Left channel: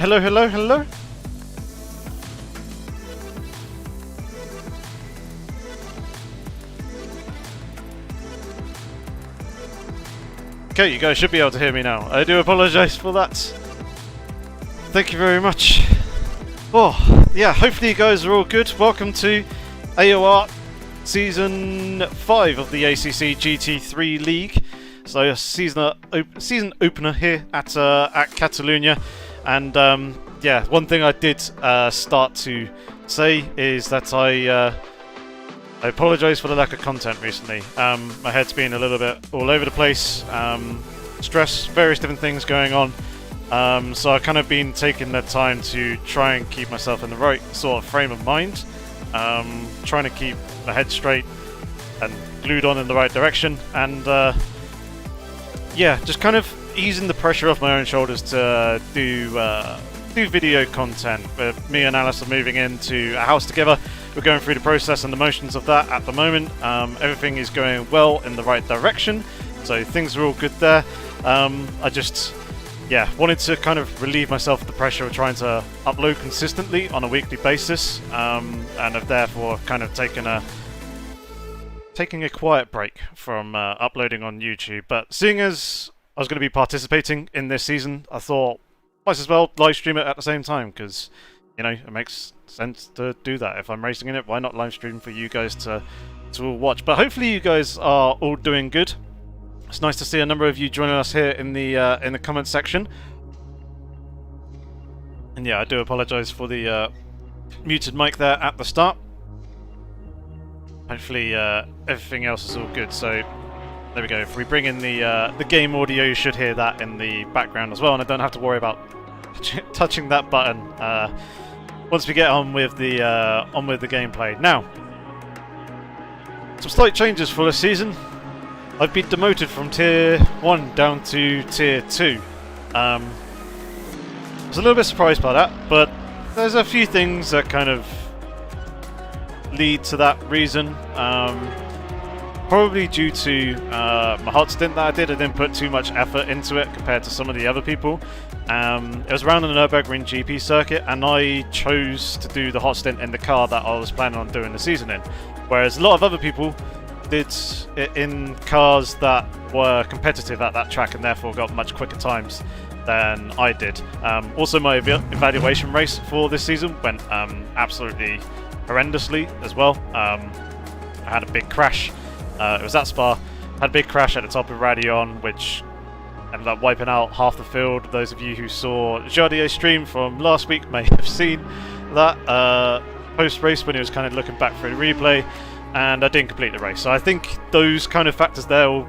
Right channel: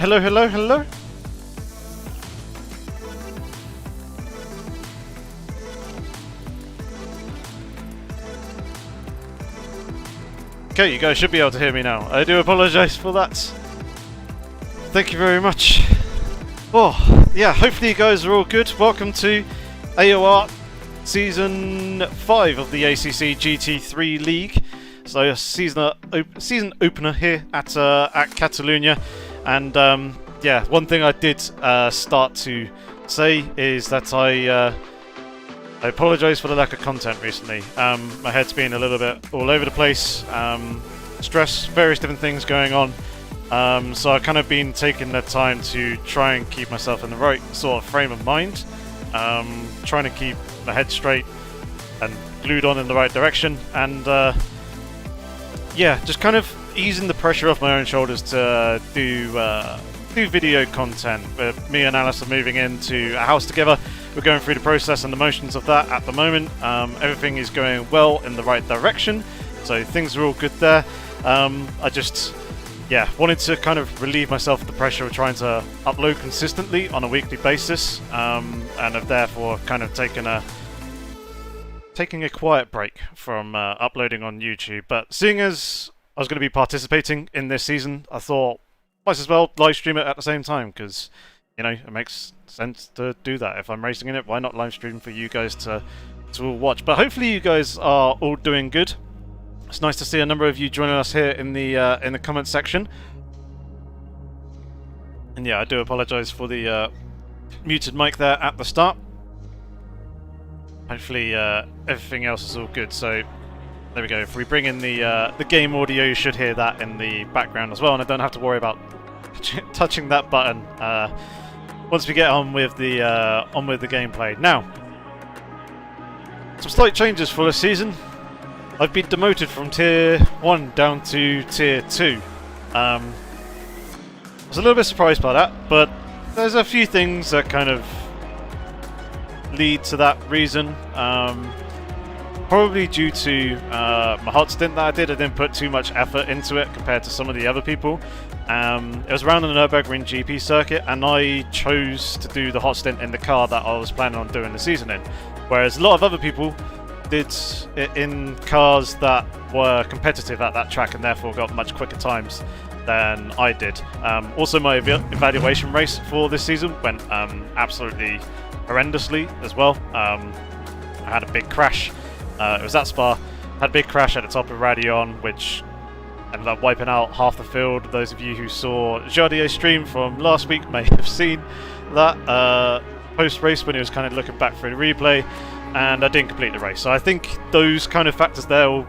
Hello, hello, hello. Okay, you guys should be able to hear me now. I do apologise for that. Thank you very much. Oh, yeah, hopefully you guys are all good. Welcome to AOR Season 5 of the ACC GT3 League. So a season opener here at Catalunya. And yeah, one thing I did start to say is that I apologise for the lack of content recently. My head's been a little bit all over the place. Stress, various different things going on. So I've kind of been taking the time to try and keep myself in the right sort of frame of mind. Trying to keep my head straight and glued on in the right direction. And yeah, just kind of easing the pressure off my own shoulders to do video content. Me and Alice are moving into a house together. We're going through the process and the motions of that at the moment. Everything is going well in the right direction, so things are all good there. I just wanted to kind of relieve myself of the pressure of trying to upload consistently on a weekly basis, and have therefore kind of taking a quiet break from uploading on YouTube. But seeing as I was going to be participating in this season, I thought might as well live stream it at the same time, because you know it makes sense to do that. If I'm racing in it, why not live stream for you guys to all watch? But hopefully you guys are all doing good. It's nice to see a number of you joining us here in the comment section. And yeah, I do apologise for the muted mic there at the start. Hopefully everything else is all good. So there we go. If we bring in the game audio, you should hear that in the background as well, and I don't have to worry about touching that button once we get on with the gameplay. Now, some slight changes for this season. I've been demoted from Tier 1 down to Tier 2. I was a little bit surprised by that, but there's a few things that kind of lead to that reason. Probably due to my hot stint that I didn't put too much effort into it compared to some of the other people. It was around the Nürburgring GP circuit, and I chose to do the hot stint in the car that I was planning on doing the season in, whereas a lot of other people did it in cars that were competitive at that track and therefore got much quicker times than I did. Also, my evaluation race for this season went absolutely horrendously as well. I had a big crash. It was at Spa. Had a big crash at the top of Radion, which ended up wiping out half the field. Those of you who saw Jardier's stream from last week may have seen that post-race when he was kind of looking back through the replay, and I didn't complete the race. So I think those kind of factors there all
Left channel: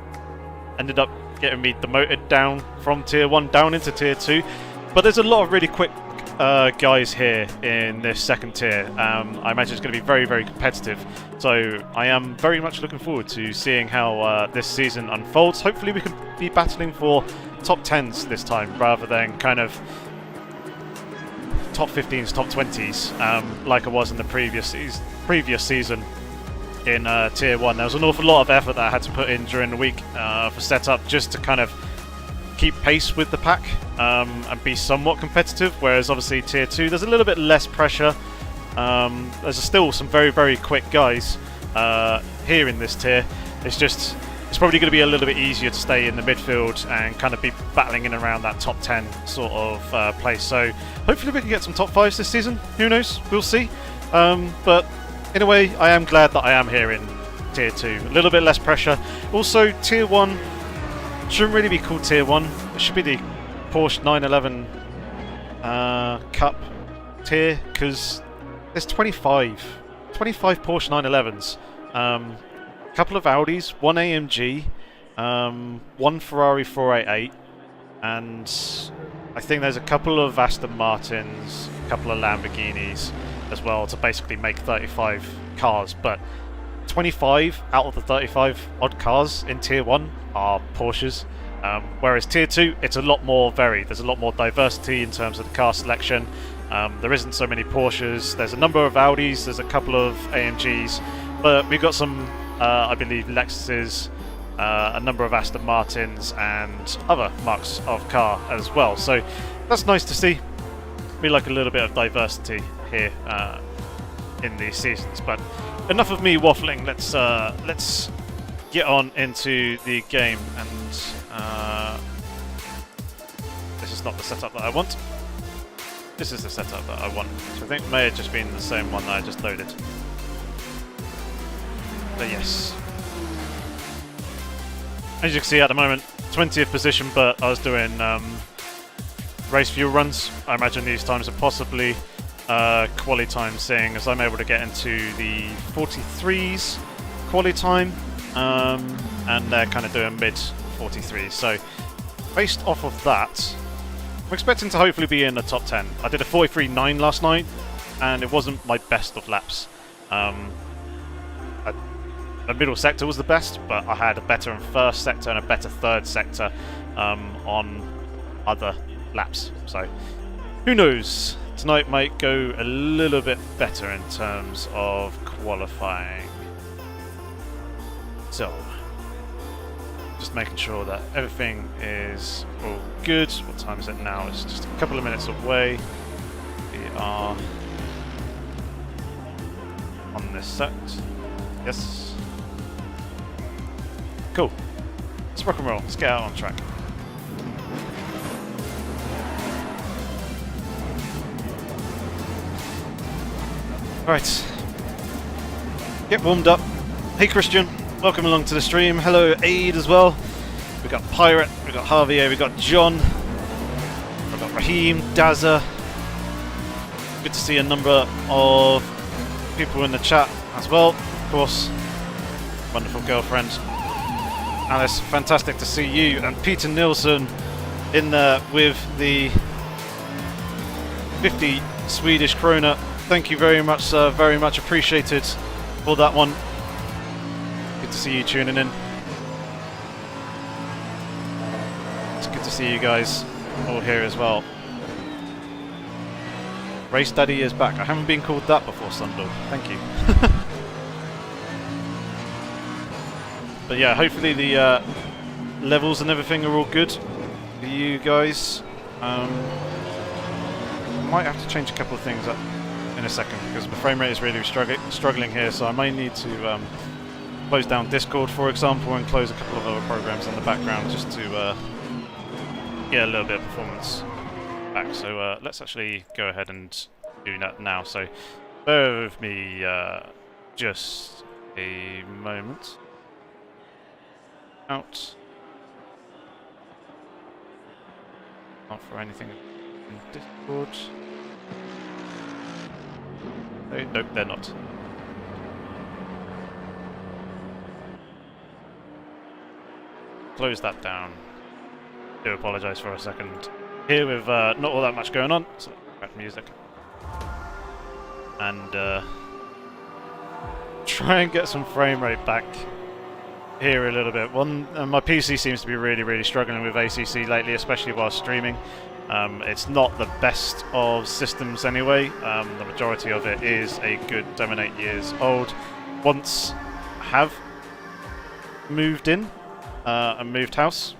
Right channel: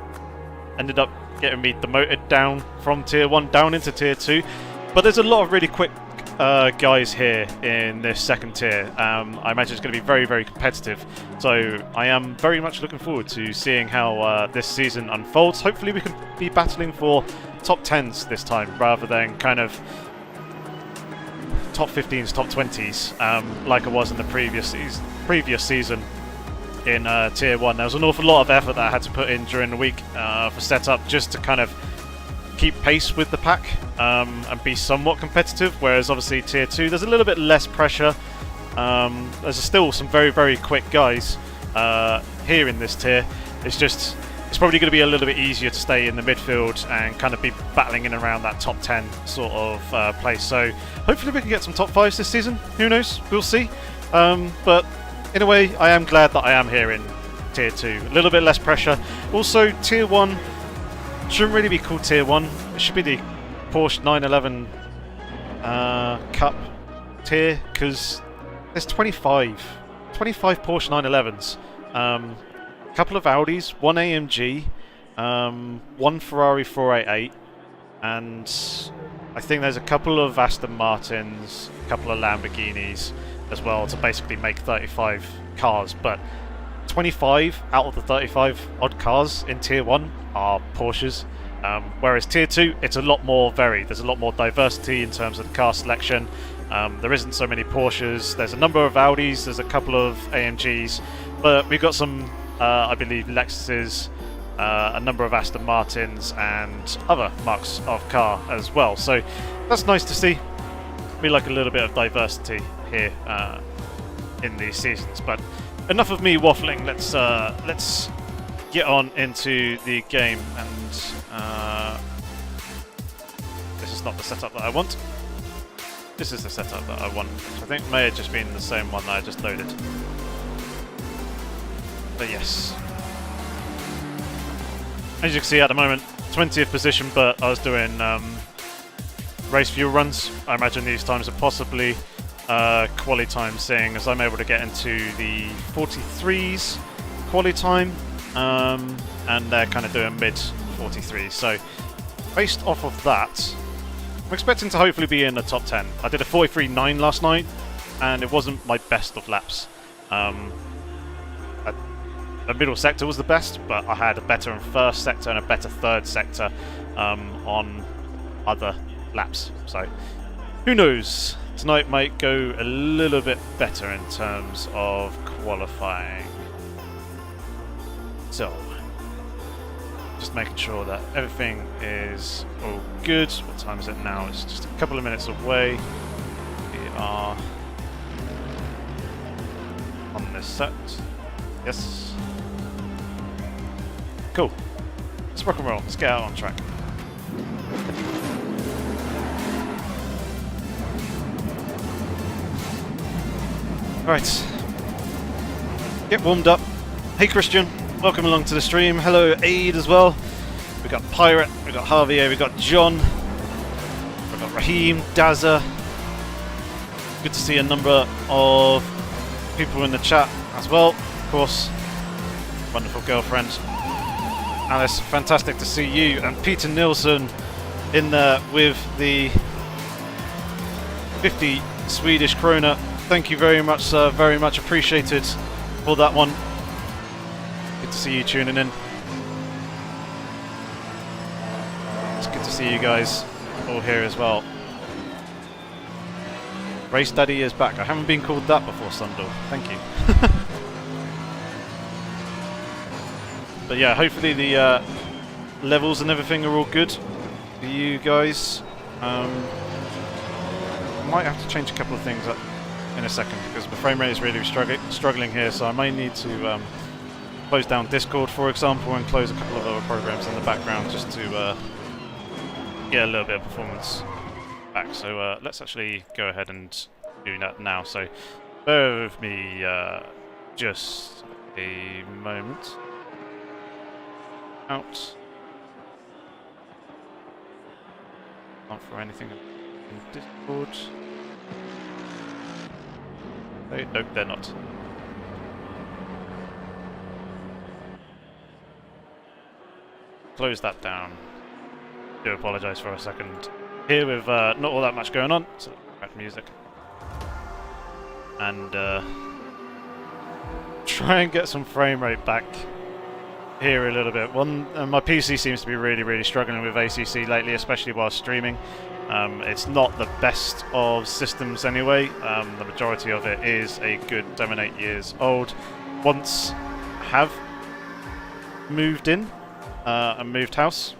ended up getting me demoted down from Tier 1 down into Tier 2. But there's a lot of really quick guys here in this second tier. I imagine it's going to be very, very competitive. So I am very much looking forward to seeing how this season unfolds. Hopefully we can be battling for top 10s this time, rather than kind of top 15s, top 20s, like I was in the previous season in Tier 1. There was an awful lot of effort that I had to put in during the week for setup, just to kind of keep pace with the pack and be somewhat competitive, whereas obviously Tier 2 there's a little bit less pressure. There's still some very, very quick guys here in this tier. It's probably going to be a little bit easier to stay in the midfield and kind of be battling in around that top 10 sort of place. So hopefully we can get some top 5s this season. Who knows? We'll see. But in a way, I am glad that I am here in Tier 2. A little bit less pressure. Also, Tier 1 shouldn't really be called Tier 1. It should be the Porsche 911 Cup tier, because there's 25 Porsche 911s. A couple of Audis, one AMG, one Ferrari 488, and I think there's a couple of Aston Martins, a couple of Lamborghinis as well, to basically make 35 cars. But 25 out of the 35 odd cars in Tier 1 are Porsches, whereas Tier 2 it's a lot more varied. There's a lot more diversity in terms of the car selection. There isn't so many Porsches. There's a number of Audis, there's a couple of AMGs, but we've got some I believe Lexuses, a number of Aston Martins and other marks of car as well. So that's nice to see. We like a little bit of diversity here in these seasons. But enough of me waffling. Let's get on into the game. And this is not the setup that I want. This is the setup that I want, which I think may have just been the same one that I just loaded. But yes. As you can see at the moment, 20th position, but I was doing race fuel runs. I imagine these times are possibly quali time, seeing as I'm able to get into the 43s quali time, and they're kind of doing mid 43s. So based off of that, I'm expecting to hopefully be in the top 10. I did a 43.9 last night, and it wasn't my best of laps. The middle sector was the best, but I had a better first sector and a better third sector on other laps. So who knows? Tonight might go a little bit better in terms of qualifying. So just making sure that everything is all good. What time is it now? It's just a couple of minutes away. We are on this set. Yes. Cool. Let's rock and roll. Let's get out on track. Right. Get warmed up. Hey Christian, welcome along to the stream. Hello Aid as well. We got Pirate, we got Javier, we got John, we got Raheem, Dazza. Good to see a number of people in the chat as well. Of course, wonderful girlfriend Alice, fantastic to see you, and Peter Nilsson in there with the 50 Swedish krona. Thank you very much, sir. Very much appreciated for that one. Good to see you tuning in. It's good to see you guys all here as well. Race Daddy is back. I haven't been called that before, Sundal. Thank you. But yeah, hopefully the levels and everything are all good for you guys. Might have to change a couple of things up in a second because the frame rate is really struggling here, so I may need to close down Discord, for example, and close a couple of other programs in the background just to get a little bit of performance back. So let's actually go ahead and do that now. So bear with me just a moment. Out. Not for anything in Discord. Nope, they're not. Close that down. Do apologise for a second. Here with not all that much going on, so let's back to music. And try and get some frame rate back here a little bit. My PC seems to be really struggling with ACC lately, especially while streaming. It's not the best of systems anyway. The majority of it is a good 7-8 years old. Once I have moved in and moved house,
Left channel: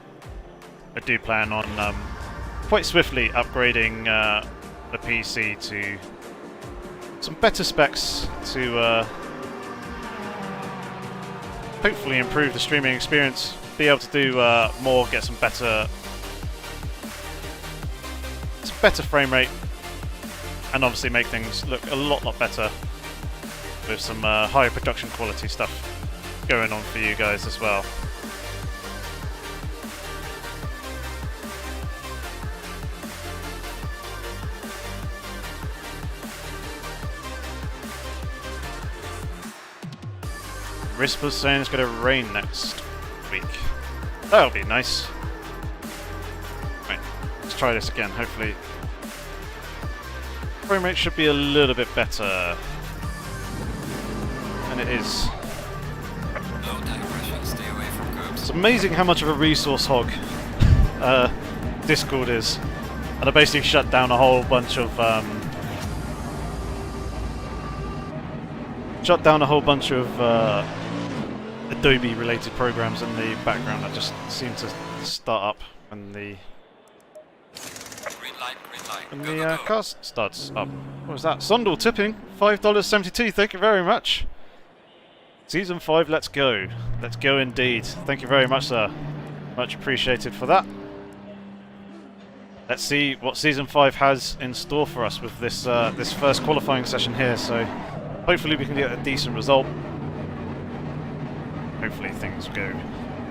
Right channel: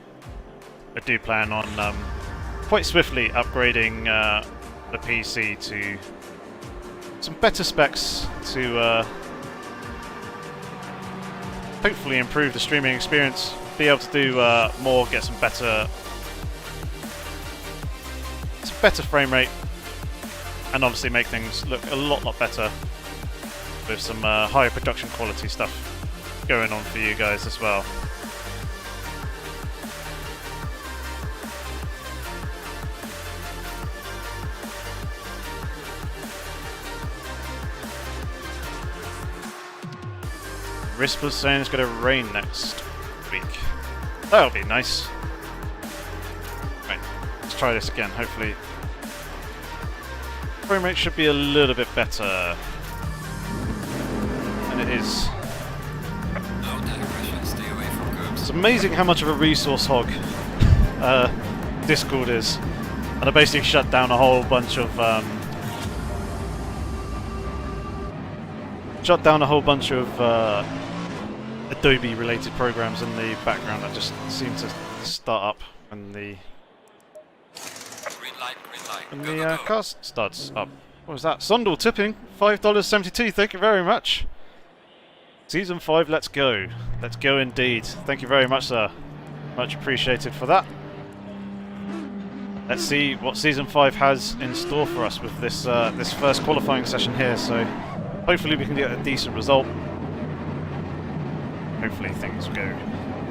I do plan on quite swiftly upgrading the PC to some better specs to hopefully improve the streaming experience, be able to do more, get some better frame rate, and obviously make things look a lot better with some higher production quality stuff going on for you guys as well. Rispa's saying it's going to rain next week. That'll be nice. Right, let's try this again. Hopefully frame rate should be a little bit better. And it is. It's amazing how much of a resource hog Discord is. And I basically shut down a whole bunch of Adobe related programs in the background that just seem to start up when the And the car starts up. What was that? Sondal tipping, $5.72. Thank you very much. Season 5, let's go. Let's go indeed. Thank you very much, sir. Much appreciated for that. Let's see what Season 5 has in store for us with this this first qualifying session here. So hopefully we can get a decent result. Hopefully things go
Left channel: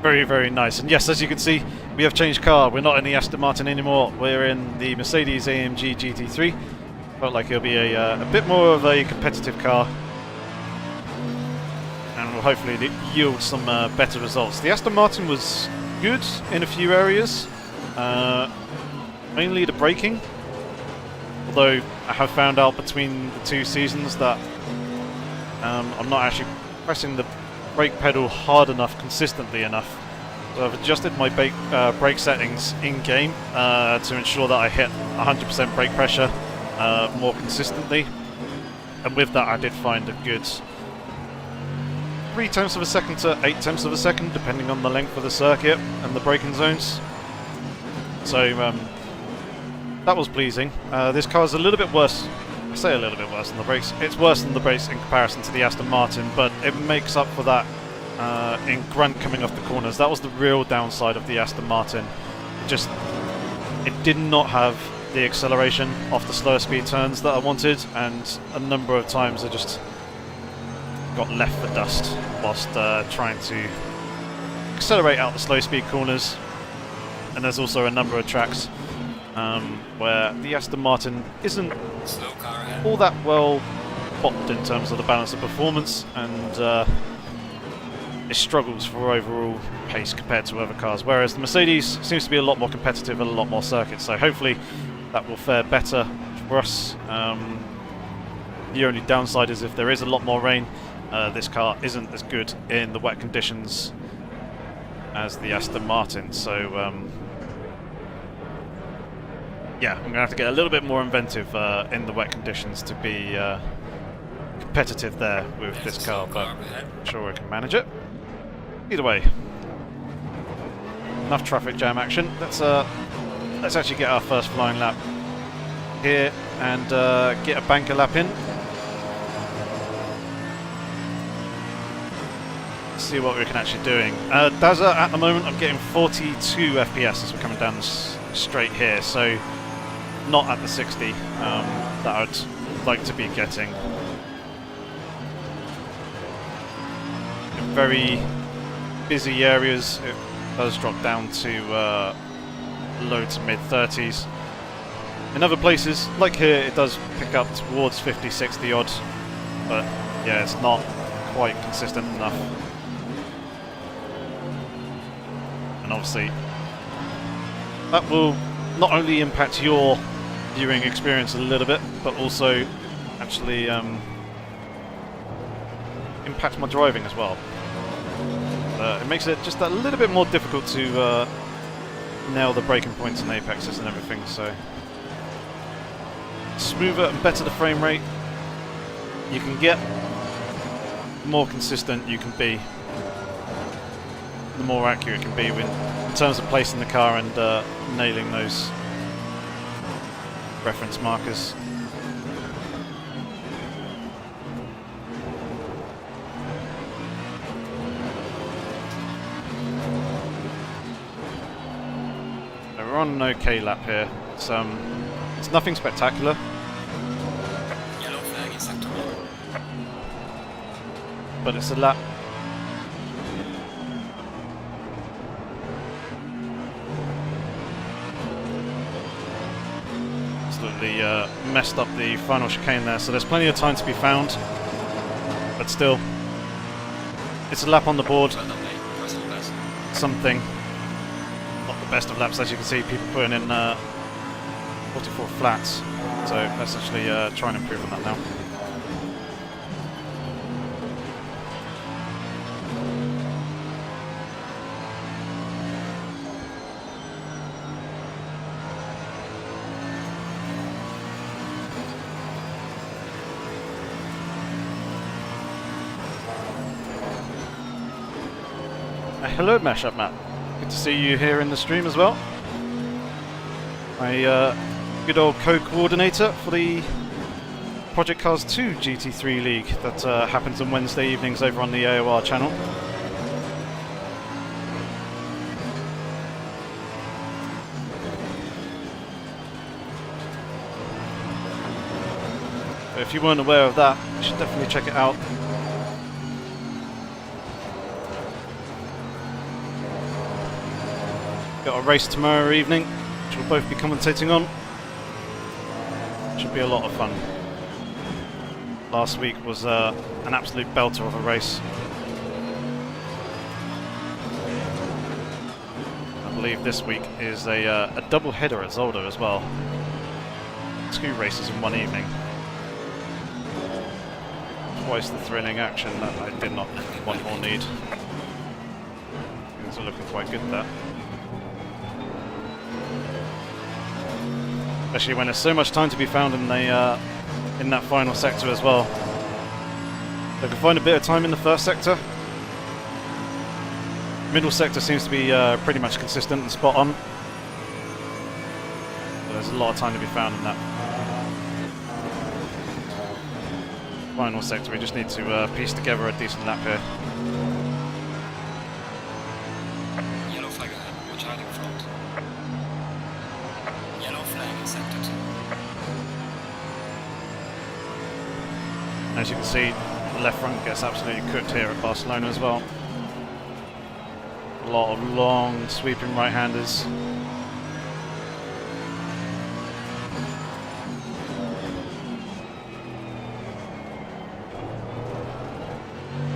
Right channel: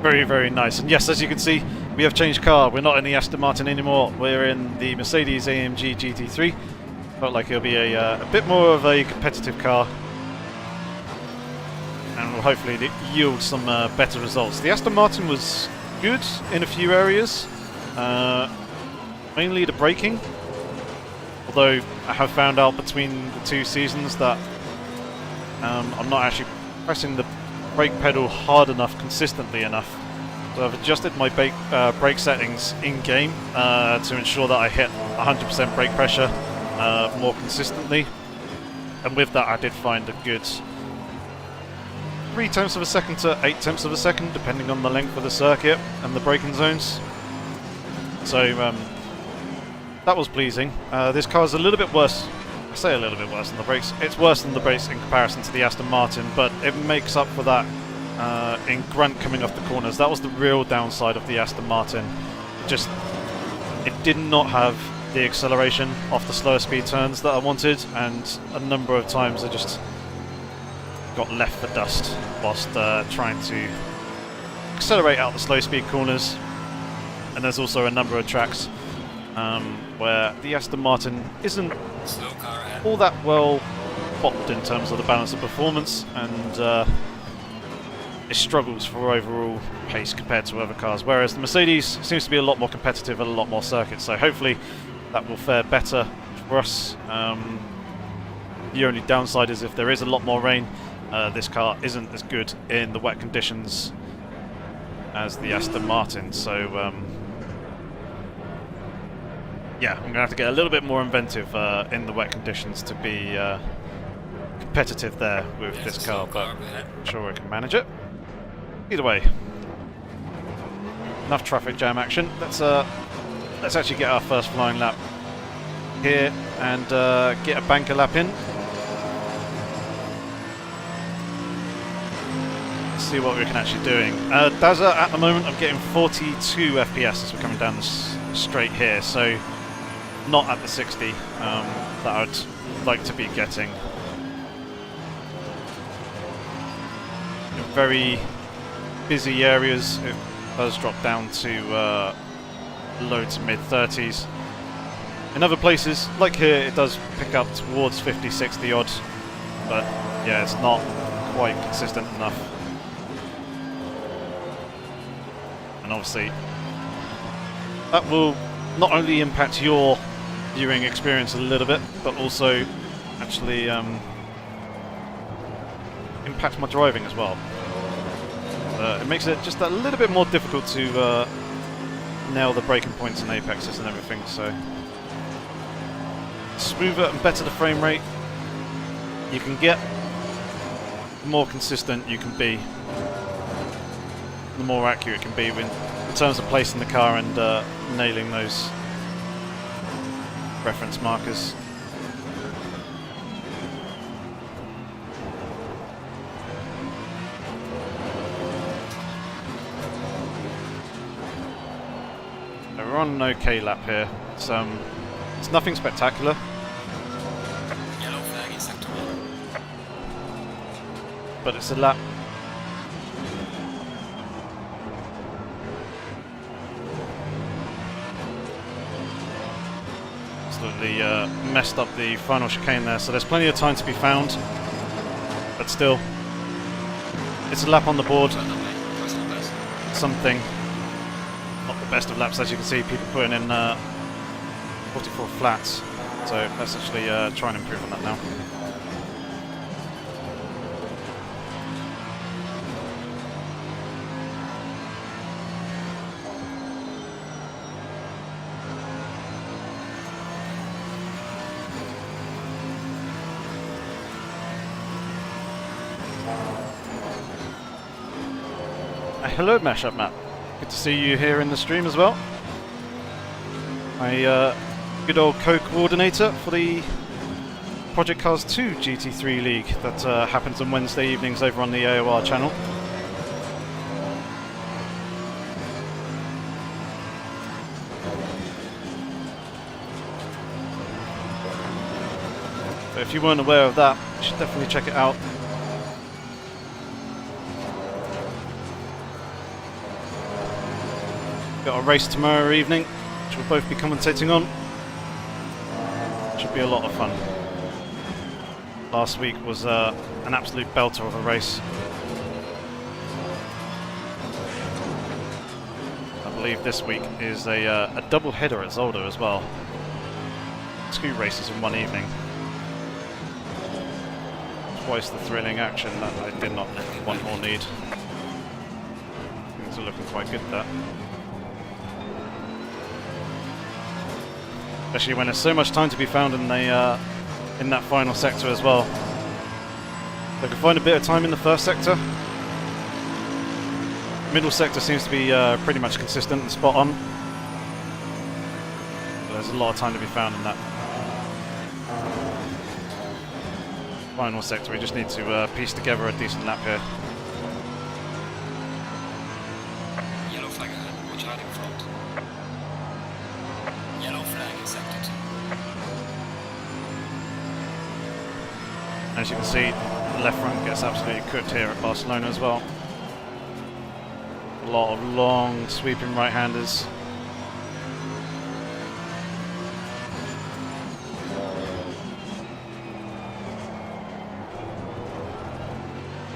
very, very nice. And yes, as you can see, we have changed car. We're not in the Aston Martin anymore. We're in the Mercedes AMG GT3. Felt like it'll be a bit more of a competitive car. And will hopefully yield some better results. The Aston Martin was good in a few areas. Mainly the braking. Although I have found out between the two seasons that I'm not actually pressing the brake pedal hard enough, consistently enough. So I've adjusted my brake settings in-game to ensure that I hit 100% brake pressure more consistently. And with that I did find a good 0.3 of a second to 0.8 of a second, depending on the length of the circuit and the braking zones. So that was pleasing. This car is a little bit worse. I say a little bit worse than the brakes. It's worse than the brakes in comparison to the Aston Martin, but it makes up for that in grunt coming off the corners. That was the real downside of the Aston Martin. It did not have the acceleration off the slower speed turns that I wanted, and a number of times I just got left for dust whilst trying to accelerate out the slow speed corners. And there's also a number of tracks where the Aston Martin isn't all that well bopped in terms of the balance of performance, and it struggles for overall pace compared to other cars, whereas the Mercedes seems to be a lot more competitive and a lot more circuits, so hopefully that will fare better for us. The only downside is if there is a lot more rain, this car isn't as good in the wet conditions as the Aston Martin, so yeah, I'm going to have to get a little bit more inventive in the wet conditions to be competitive there with this car, but I'm sure I can manage it. Either way, enough traffic jam action. Let's actually get our first flying lap here and get a banker lap in. Let's see what we can actually doing. Dazza, at the moment I'm getting 42 FPS as we're coming down this straight here, so not at the 60 that I'd like to be getting. In very busy areas it does drop down to low to mid 30s. In other places, like here, it does pick up towards 50, 60 odd, but yeah, it's not quite consistent enough. And obviously that will not only impact your viewing experience a little bit, but also actually impact my driving as well. It makes it just a little bit more difficult to nail the braking points and apexes and everything, so smoother and better the frame rate you can get, the more consistent you can be, the more accurate it can be in terms of placing the car and nailing those reference markers. We're on an okay lap here. It's nothing spectacular. Yellow flag in sector 1. But it's a lap. Absolutely messed up the final chicane there, so there's plenty of time to be found. But still, it's a lap on the board. Something. Not the best of laps, as you can see, people putting in 44 flats. So let's actually try and improve on that now. Hello Mashup Matt, good to see you here in the stream as well. I good old co-coordinator for the Project Cars 2 GT3 League that happens on Wednesday evenings over on the AOR channel. But if you weren't aware of that, you should definitely check it out. Got a race tomorrow evening, which we'll both be commentating on. Should be a lot of fun. Last week was an absolute belter of a race. I believe this week is a double header at Zolder as well. 2 races in one evening. Twice the thrilling action that I did not want or need. Things are looking quite good there. Especially when there's so much time to be found in the in that final sector as well. They can find a bit of time in the first sector. Middle sector seems to be pretty much consistent and spot on. But there's a lot of time to be found in that final sector. We just need to piece together a decent lap here. Yellow flag ahead. Watch out in front. Yellow flag in sector 2. As you can see, the left front gets absolutely cooked here at Barcelona as well. A lot of long sweeping right-handers.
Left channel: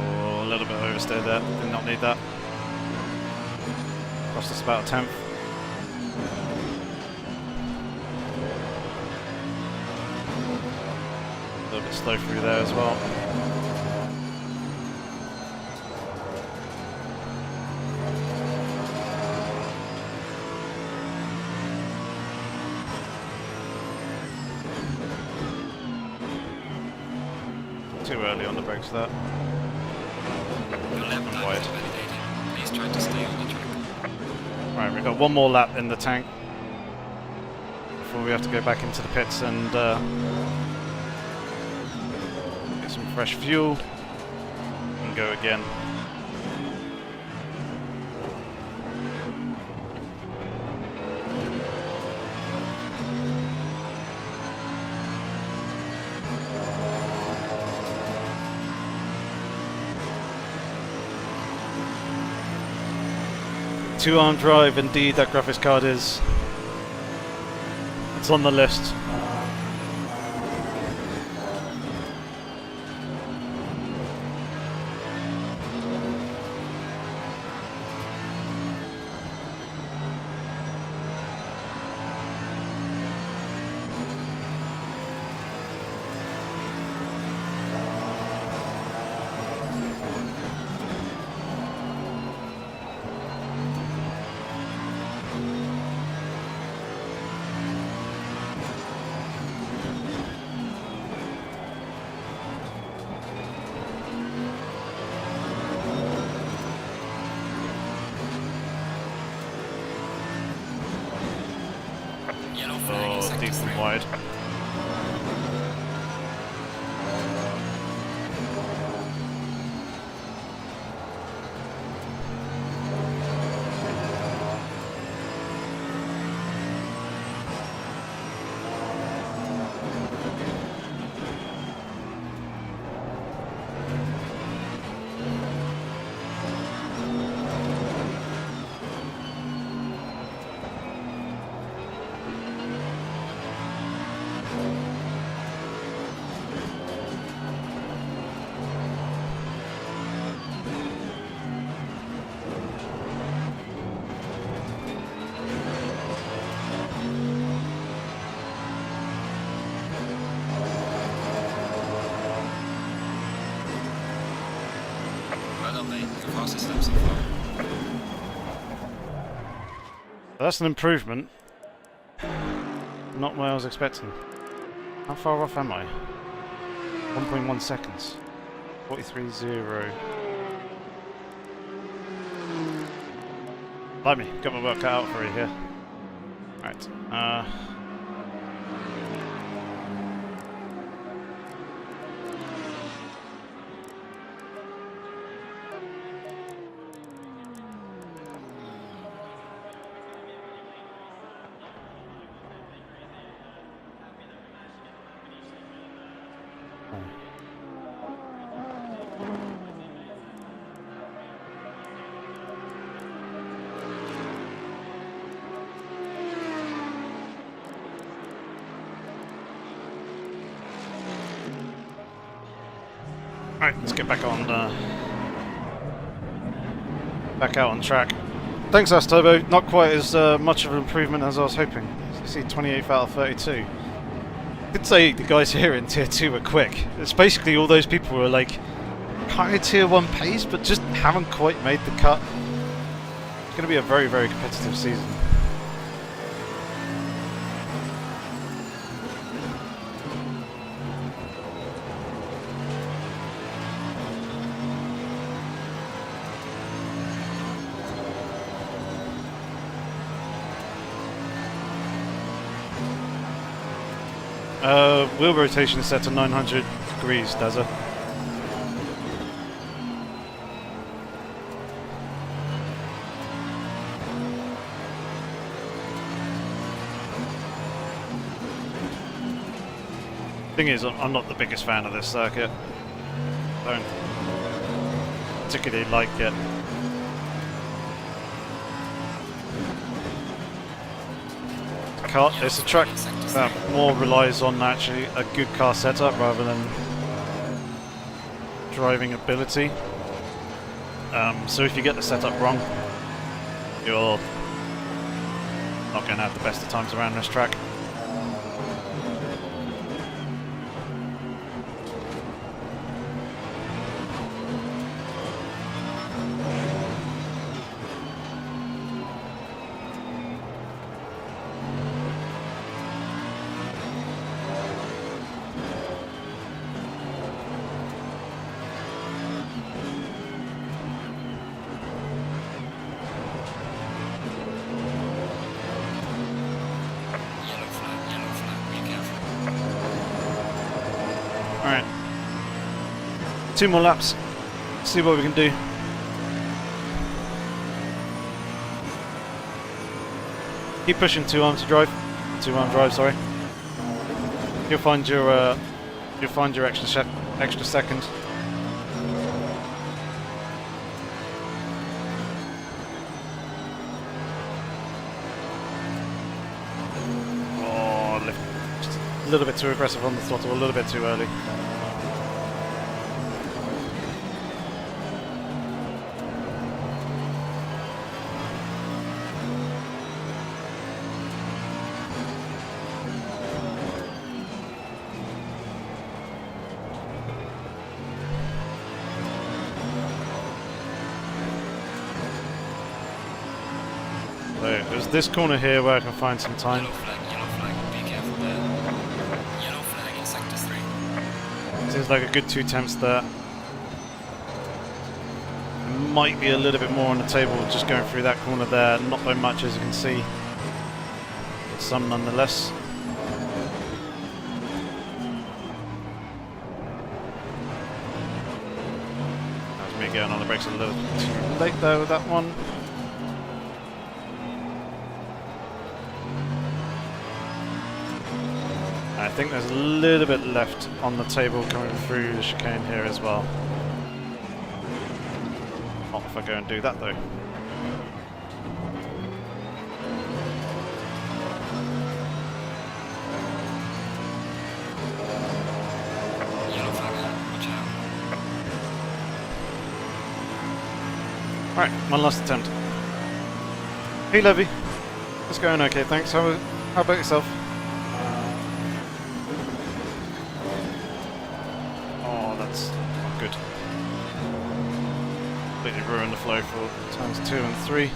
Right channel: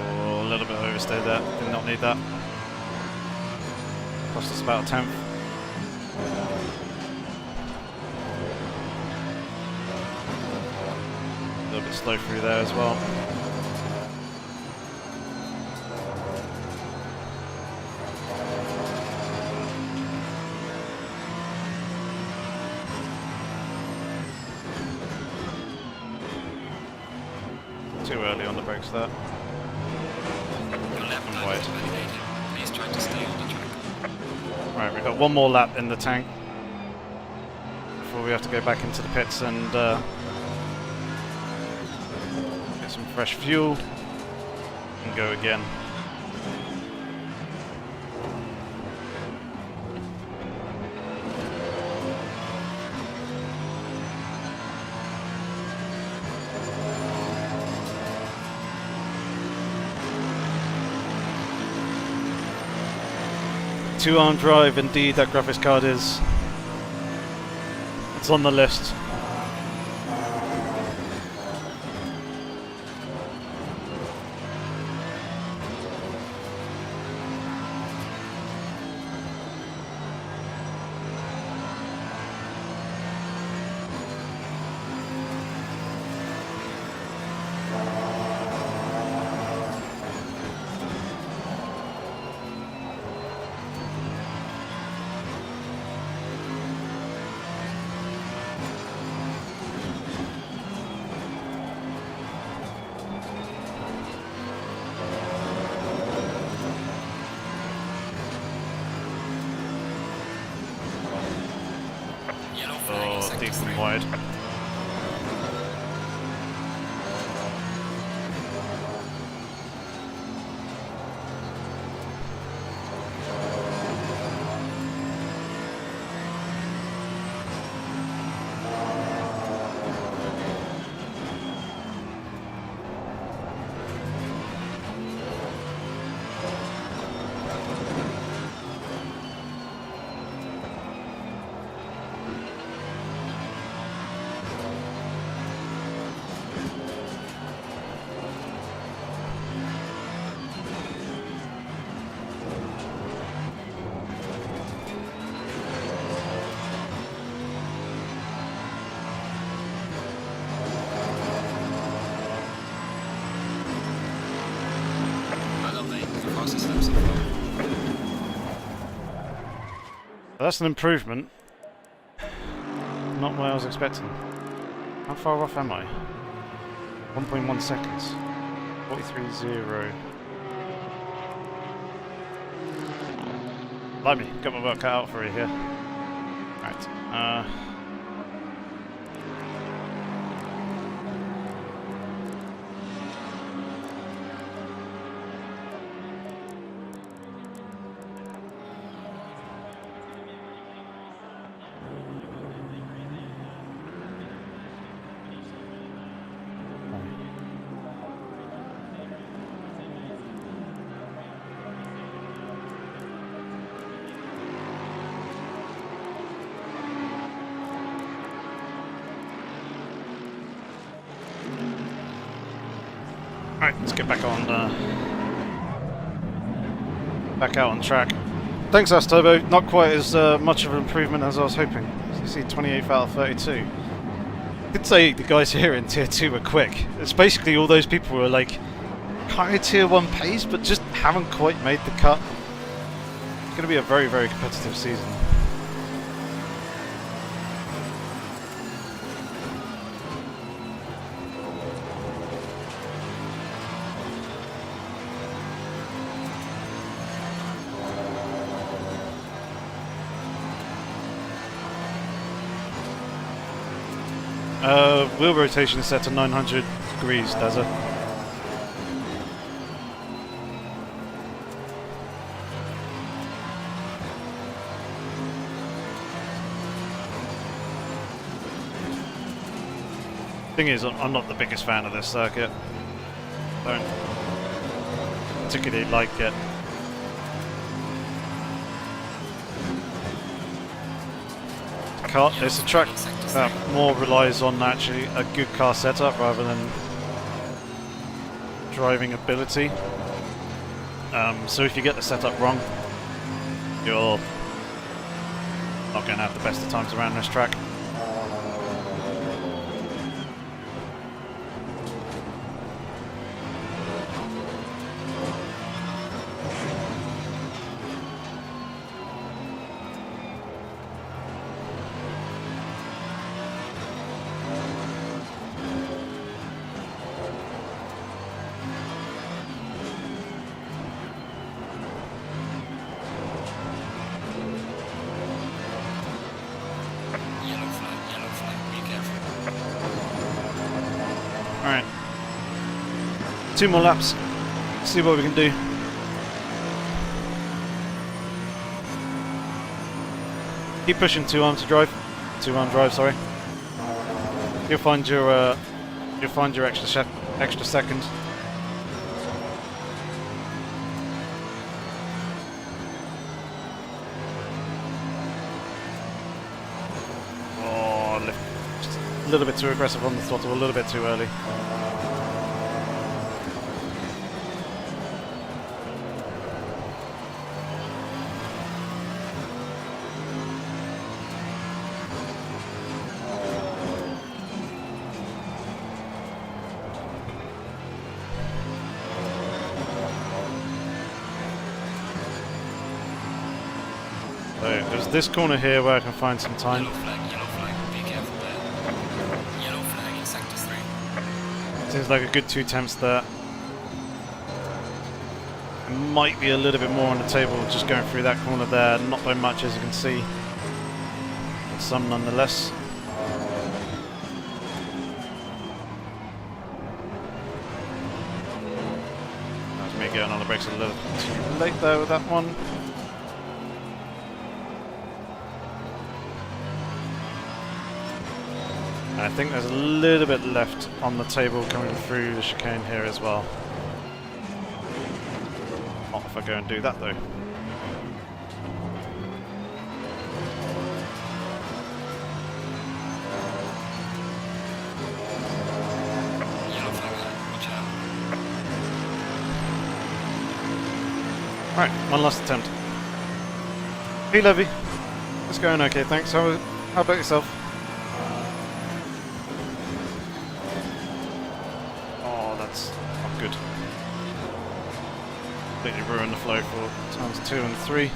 Oh, a little bit oversteered there. Did not need that. Cost us about a 10th. A little bit slow through there as well. Too early on the brakes there. Your lap And time wide. is validated. Please try to stay on the track. Right, we've got one more lap in the tank before we have to go back into the pits and get some fresh fuel and go again. Two-arm drive, indeed, that graphics card is. It's on the list. Yellow flag in Oh, sector deep 3. and wide. Well done, mate. Your fastest lap so far. That's an improvement. Not what I was expecting. How far off am I? 1.1 seconds. 43.0. Blimey, got my work cut out for you here. Right. No. Alright, let's get back on back out on track. Thanks, Turbo. Not quite as much of an improvement as I was hoping. As you see, 28th out of 32. I did say the guys here in Tier 2 were quick. It's basically all those people who are like kind of Tier 1 pace, but just haven't quite made the cut. It's going to be a very, very competitive season. Wheel rotation is set to 900 degrees, Dazza. Thing is, I'm not the biggest fan of this circuit. Don't particularly like it. It's a track that more relies on actually a good car setup rather than driving ability. So if you get the setup wrong, you're not going to have the best of times around this track. Alright. 2 more laps. See what we can do. Keep pushing 2-arm to drive. 2-arm drive, sorry. You'll find your extra second. Oh, just a little bit too aggressive on the throttle, a little bit too early. So there's this corner here where I can find some time. Yellow flag, be careful there. Yellow flag in sector 3. Seems like a good 2 tenths there. It might be a little bit more on the table just going through that corner there, not by much as you can see, but some nonetheless. That was me going on the brakes a little too late there with that one. I think there's a little bit left on the table coming through the chicane here as well. Not if I go and do that though. Yellow flag ahead, watch out. Alright, one last attempt. Hey Levy. It's going okay, thanks. How about yourself? That's not good. Completely ruined the flow for turns 2 and 3.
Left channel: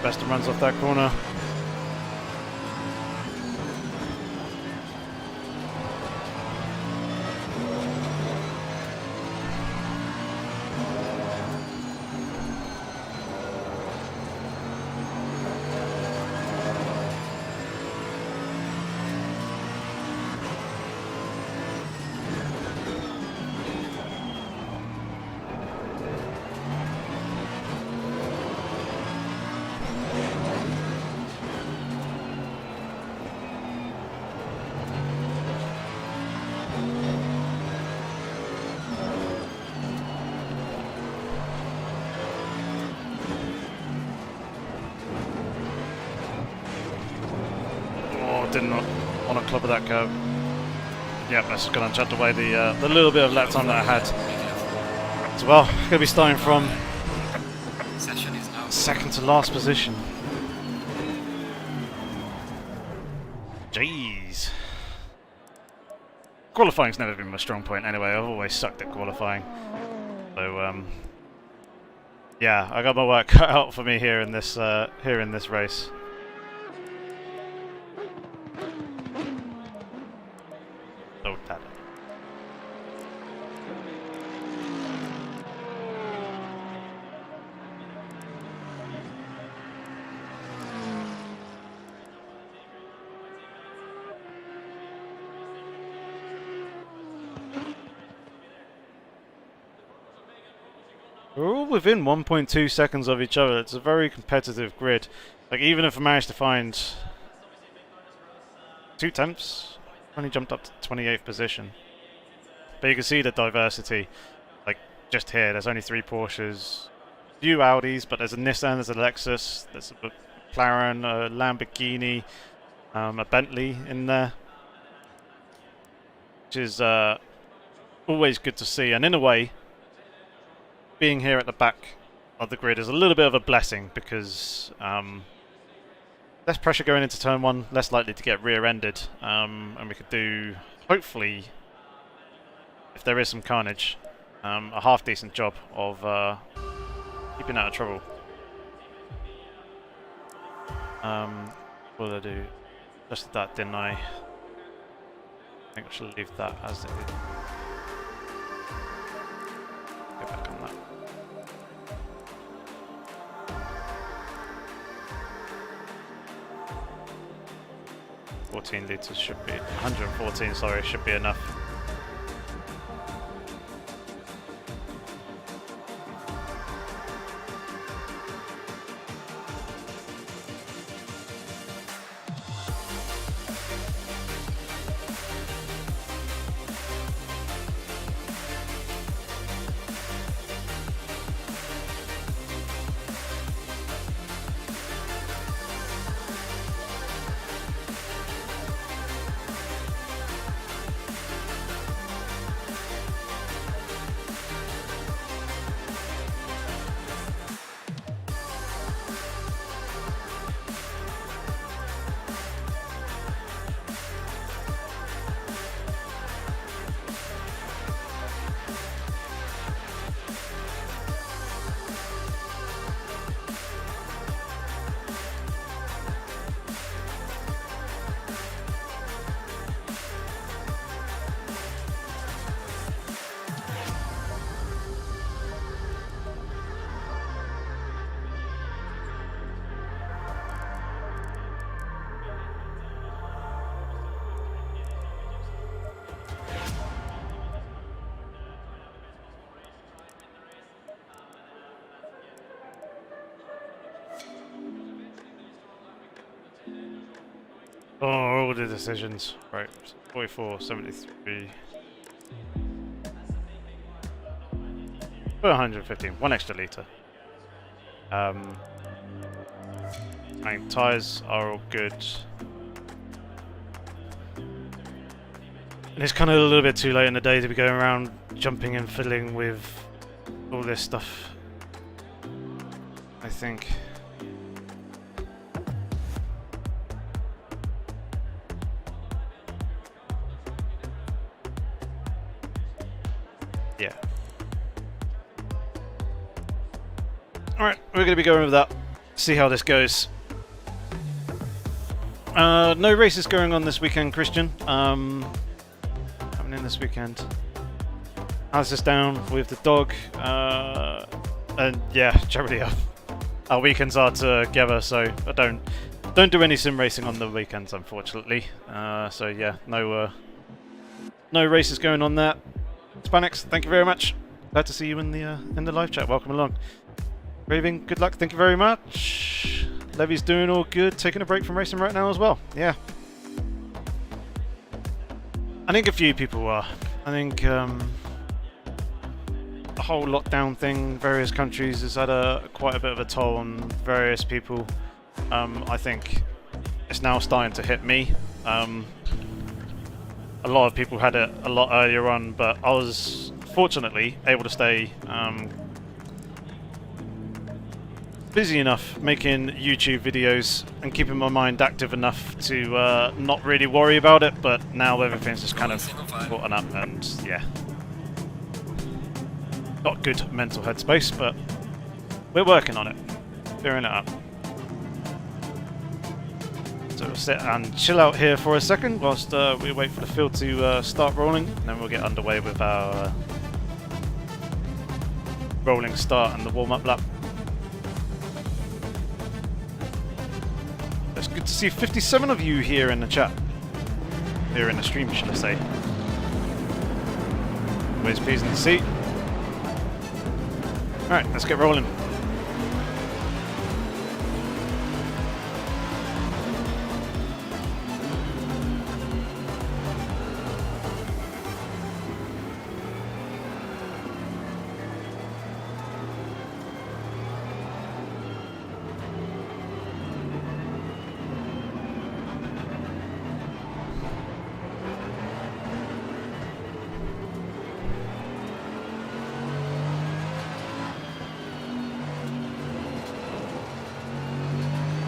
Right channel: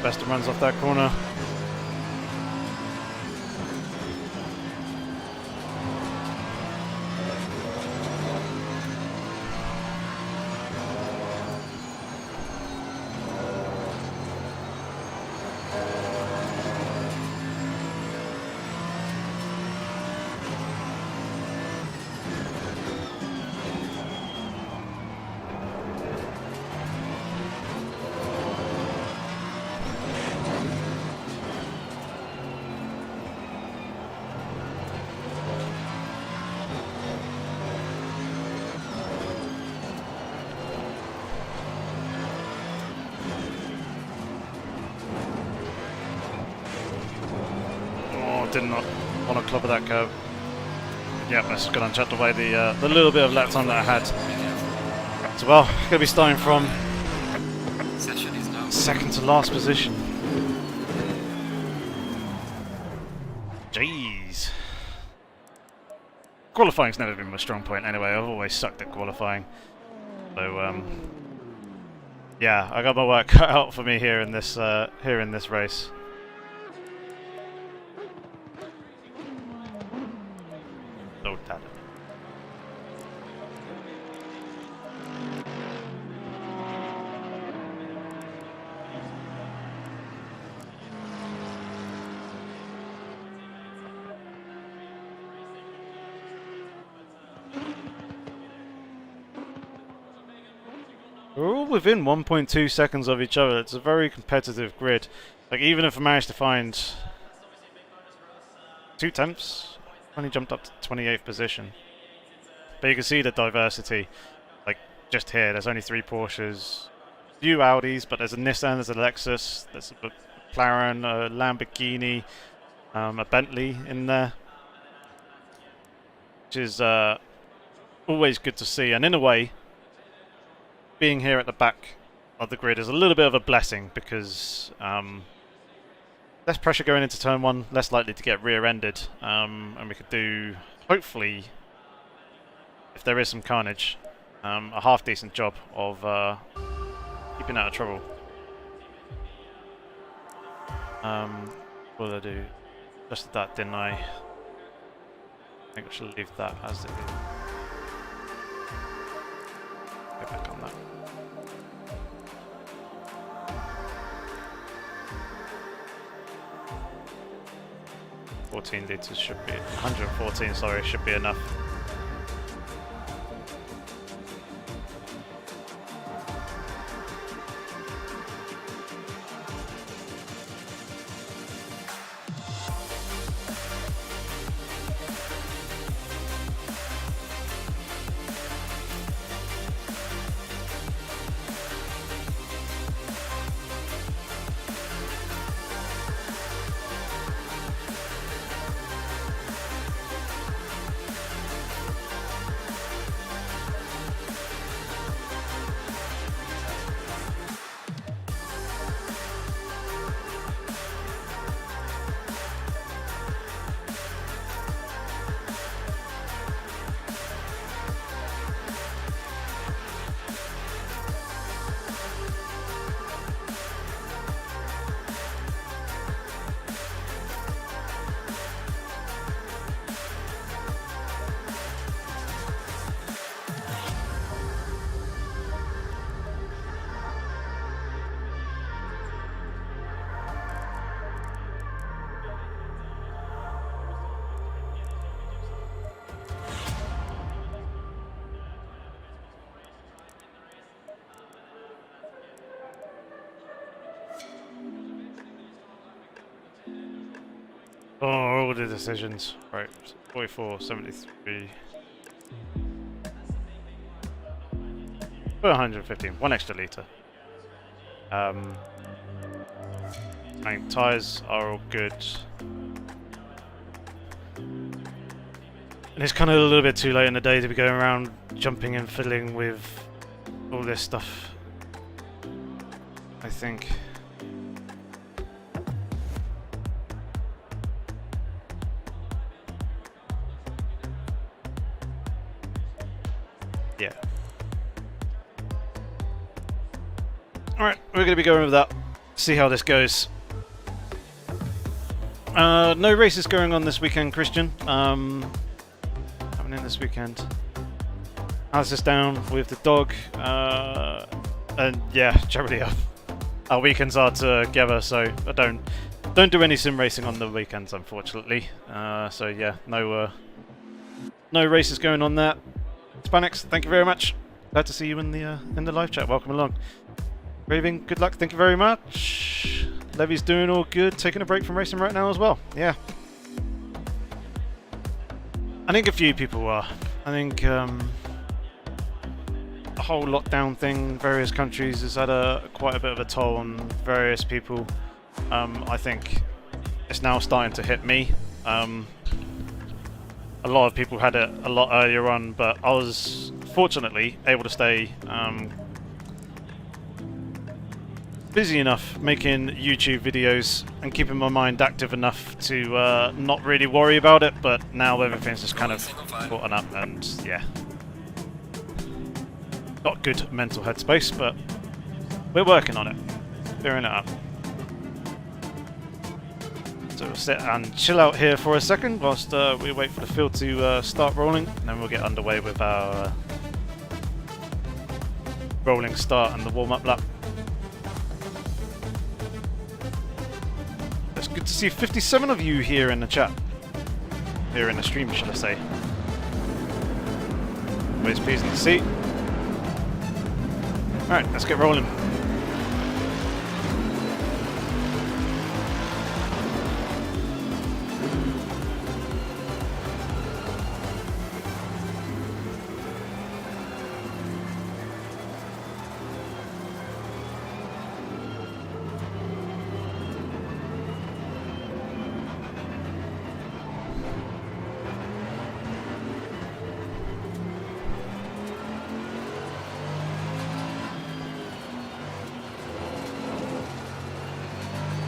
Best runs off that corner. did not want to clobber that curb. Yep, that's going to chucked away the little bit of lap time that I had. So, well, going to be starting from Session is now. second to last position. Jeez. Qualifying's never been my strong point anyway. I've always sucked at qualifying. So, yeah, I got my work cut out for me here in this race. So tada. We're all within 1.2 seconds of each other. It's a very competitive grid. Like, even if I manage to find 2 tenths, I've only jumped up to 28th position. But you can see the diversity. Like, just here, there's only 3 Porsches, few Audis, but there's a Nissan, there's a Lexus, there's a McLaren, a Lamborghini, a Bentley in there. Which is always good to see. And in a way, being here at the back of the grid is a little bit of a blessing because less pressure going into turn 1, less likely to get rear-ended, and we could do, hopefully, if there is some carnage, a half-decent job of keeping out of trouble. What did I do? Just that, didn't I? I think I should leave that as it is. Go back on that. 14 litres should be 114. Sorry, should be enough. Oh, all the decisions. Right, 44, 73. 115, 1 extra litre. I think tyres are all good. And it's kind of a little bit too late in the day to be going around jumping and fiddling with all this stuff, I think. Yeah. Alright, we're going to be going with that. See how this goes. No races going on this weekend, Christian. Happening this weekend. Alice is down with the dog. And yeah, generally our weekends are together, so I don't do any sim racing on the weekends, unfortunately. So yeah, no races going on there. Spanix, thank you very much. Glad to see you in the live chat. Welcome along. Raving, good luck. Thank you very much. Levy's doing all good. Taking a break from racing right now as well. Yeah. I think a few people are. I think the whole lockdown thing, various countries, has had quite a bit of a toll on various people. I think it's now starting to hit me. A lot of people had it a lot earlier on, but I was fortunately able to stay busy enough making YouTube videos and keeping my mind active enough to not really worry about it, but now everything's just kind of gotten up and yeah. Not good mental headspace, but we're working on it. Clearing it up. So we'll sit and chill out here for a second whilst we wait for the field to start rolling, and then we'll get underway with our rolling start and the warm-up lap. It's good to see 57 of you here in the chat. Here in the stream, should I say. Always pleasing to see. Alright, let's get rolling.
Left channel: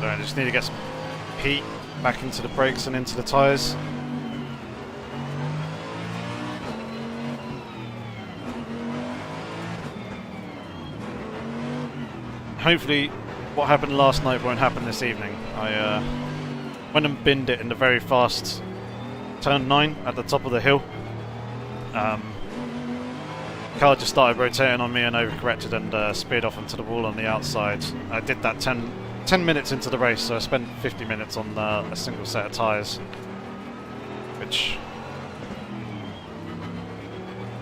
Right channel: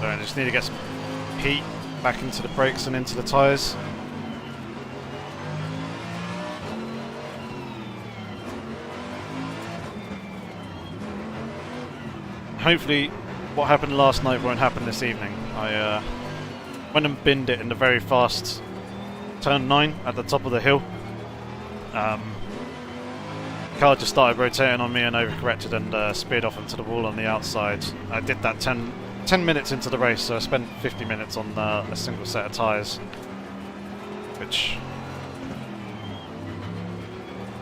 So I just need to get some heat back into the brakes and into the tyres. Hopefully what happened last night won't happen this evening. I went and binned it in the very fast turn 9 at the top of the hill. Car just started rotating on me and overcorrected and speared off into the wall on the outside. I did that 10 minutes into the race, so I spent 50 minutes on a single set of tyres, which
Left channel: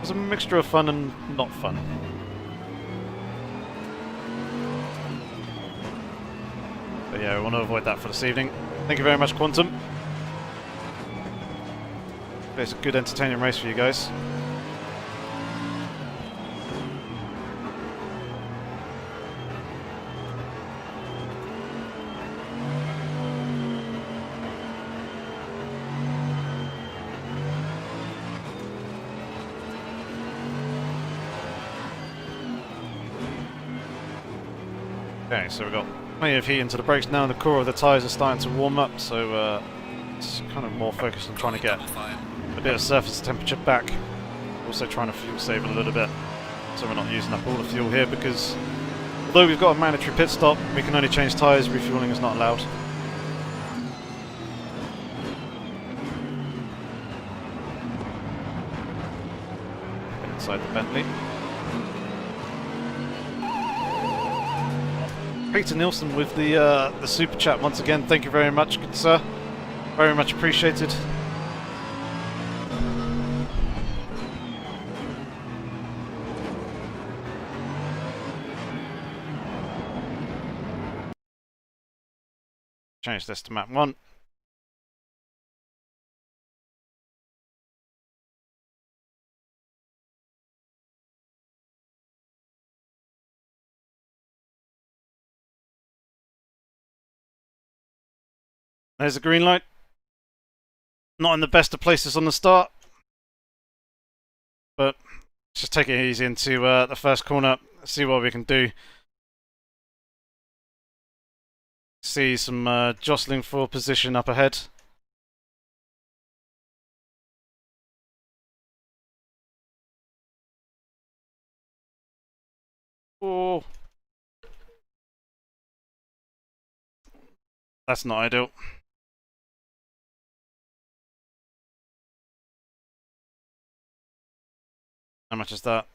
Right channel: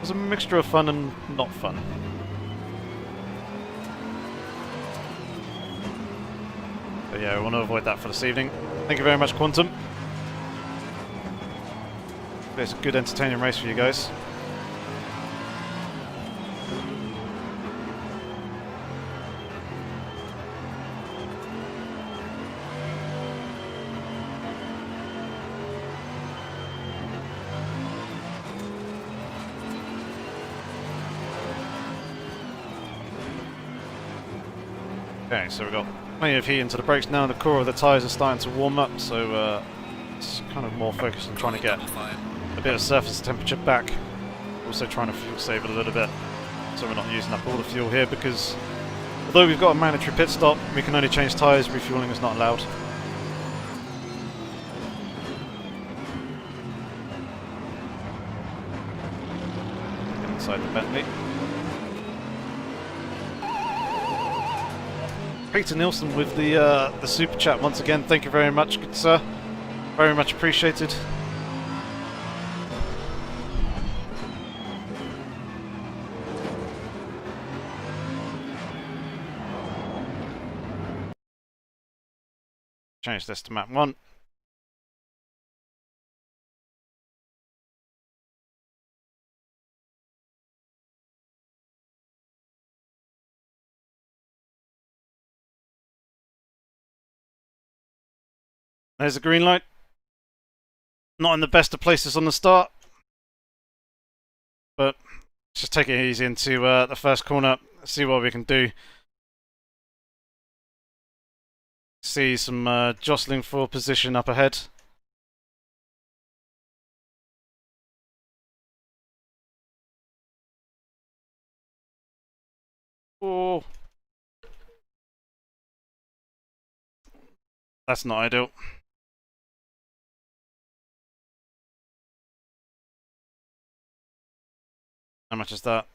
was a mixture of fun and not fun. But yeah, we want to avoid that for this evening. Thank you very much, Quantum. It's a good entertaining race for you guys. Okay, so we've got plenty of heat into the brakes now, and the core of the tyres are starting to warm up, so it's kind of more focused on trying to get a bit of surface temperature back. Also trying to fuel save a little bit, so we're not using up all the fuel here, because although we've got a mandatory pit stop, we can only change tyres, refueling is not allowed. Get inside the Bentley. Peter Nielsen with the super chat once again. Thank you very much, good sir. Very much appreciated. Change this to map 1. There's the green light. Not in the best of places on the start, but let's just take it easy into the first corner, see what we can do. See some jostling for position up ahead. Oh, that's not ideal. How much is that?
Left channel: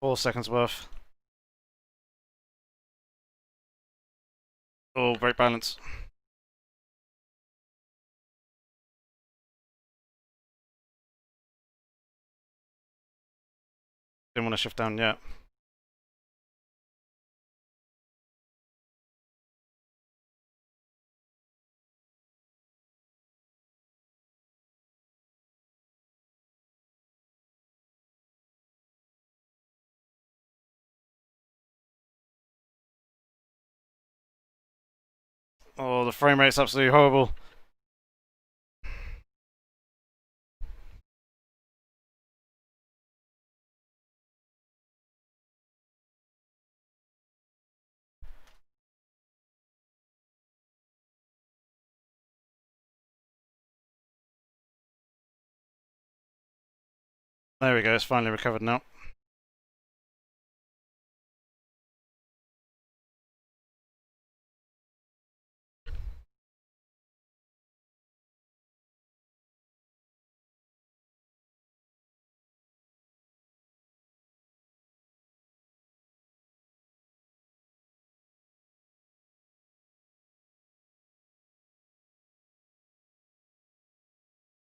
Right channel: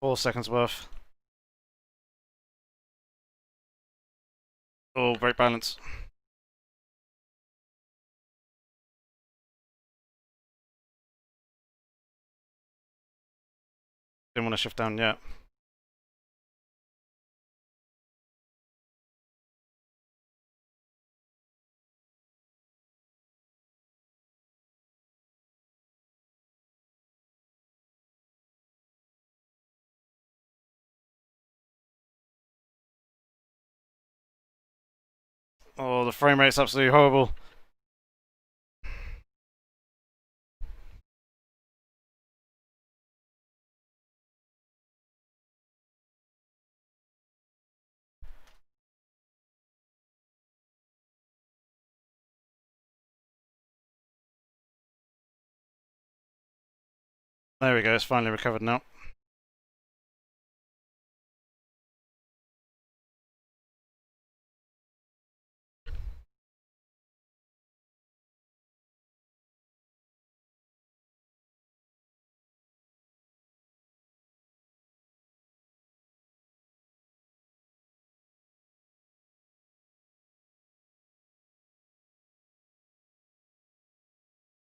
4 seconds worth. Oh, brake balance. Didn't want to shift down yet. Oh, the frame rate's absolutely horrible. There we go, it's finally recovered now.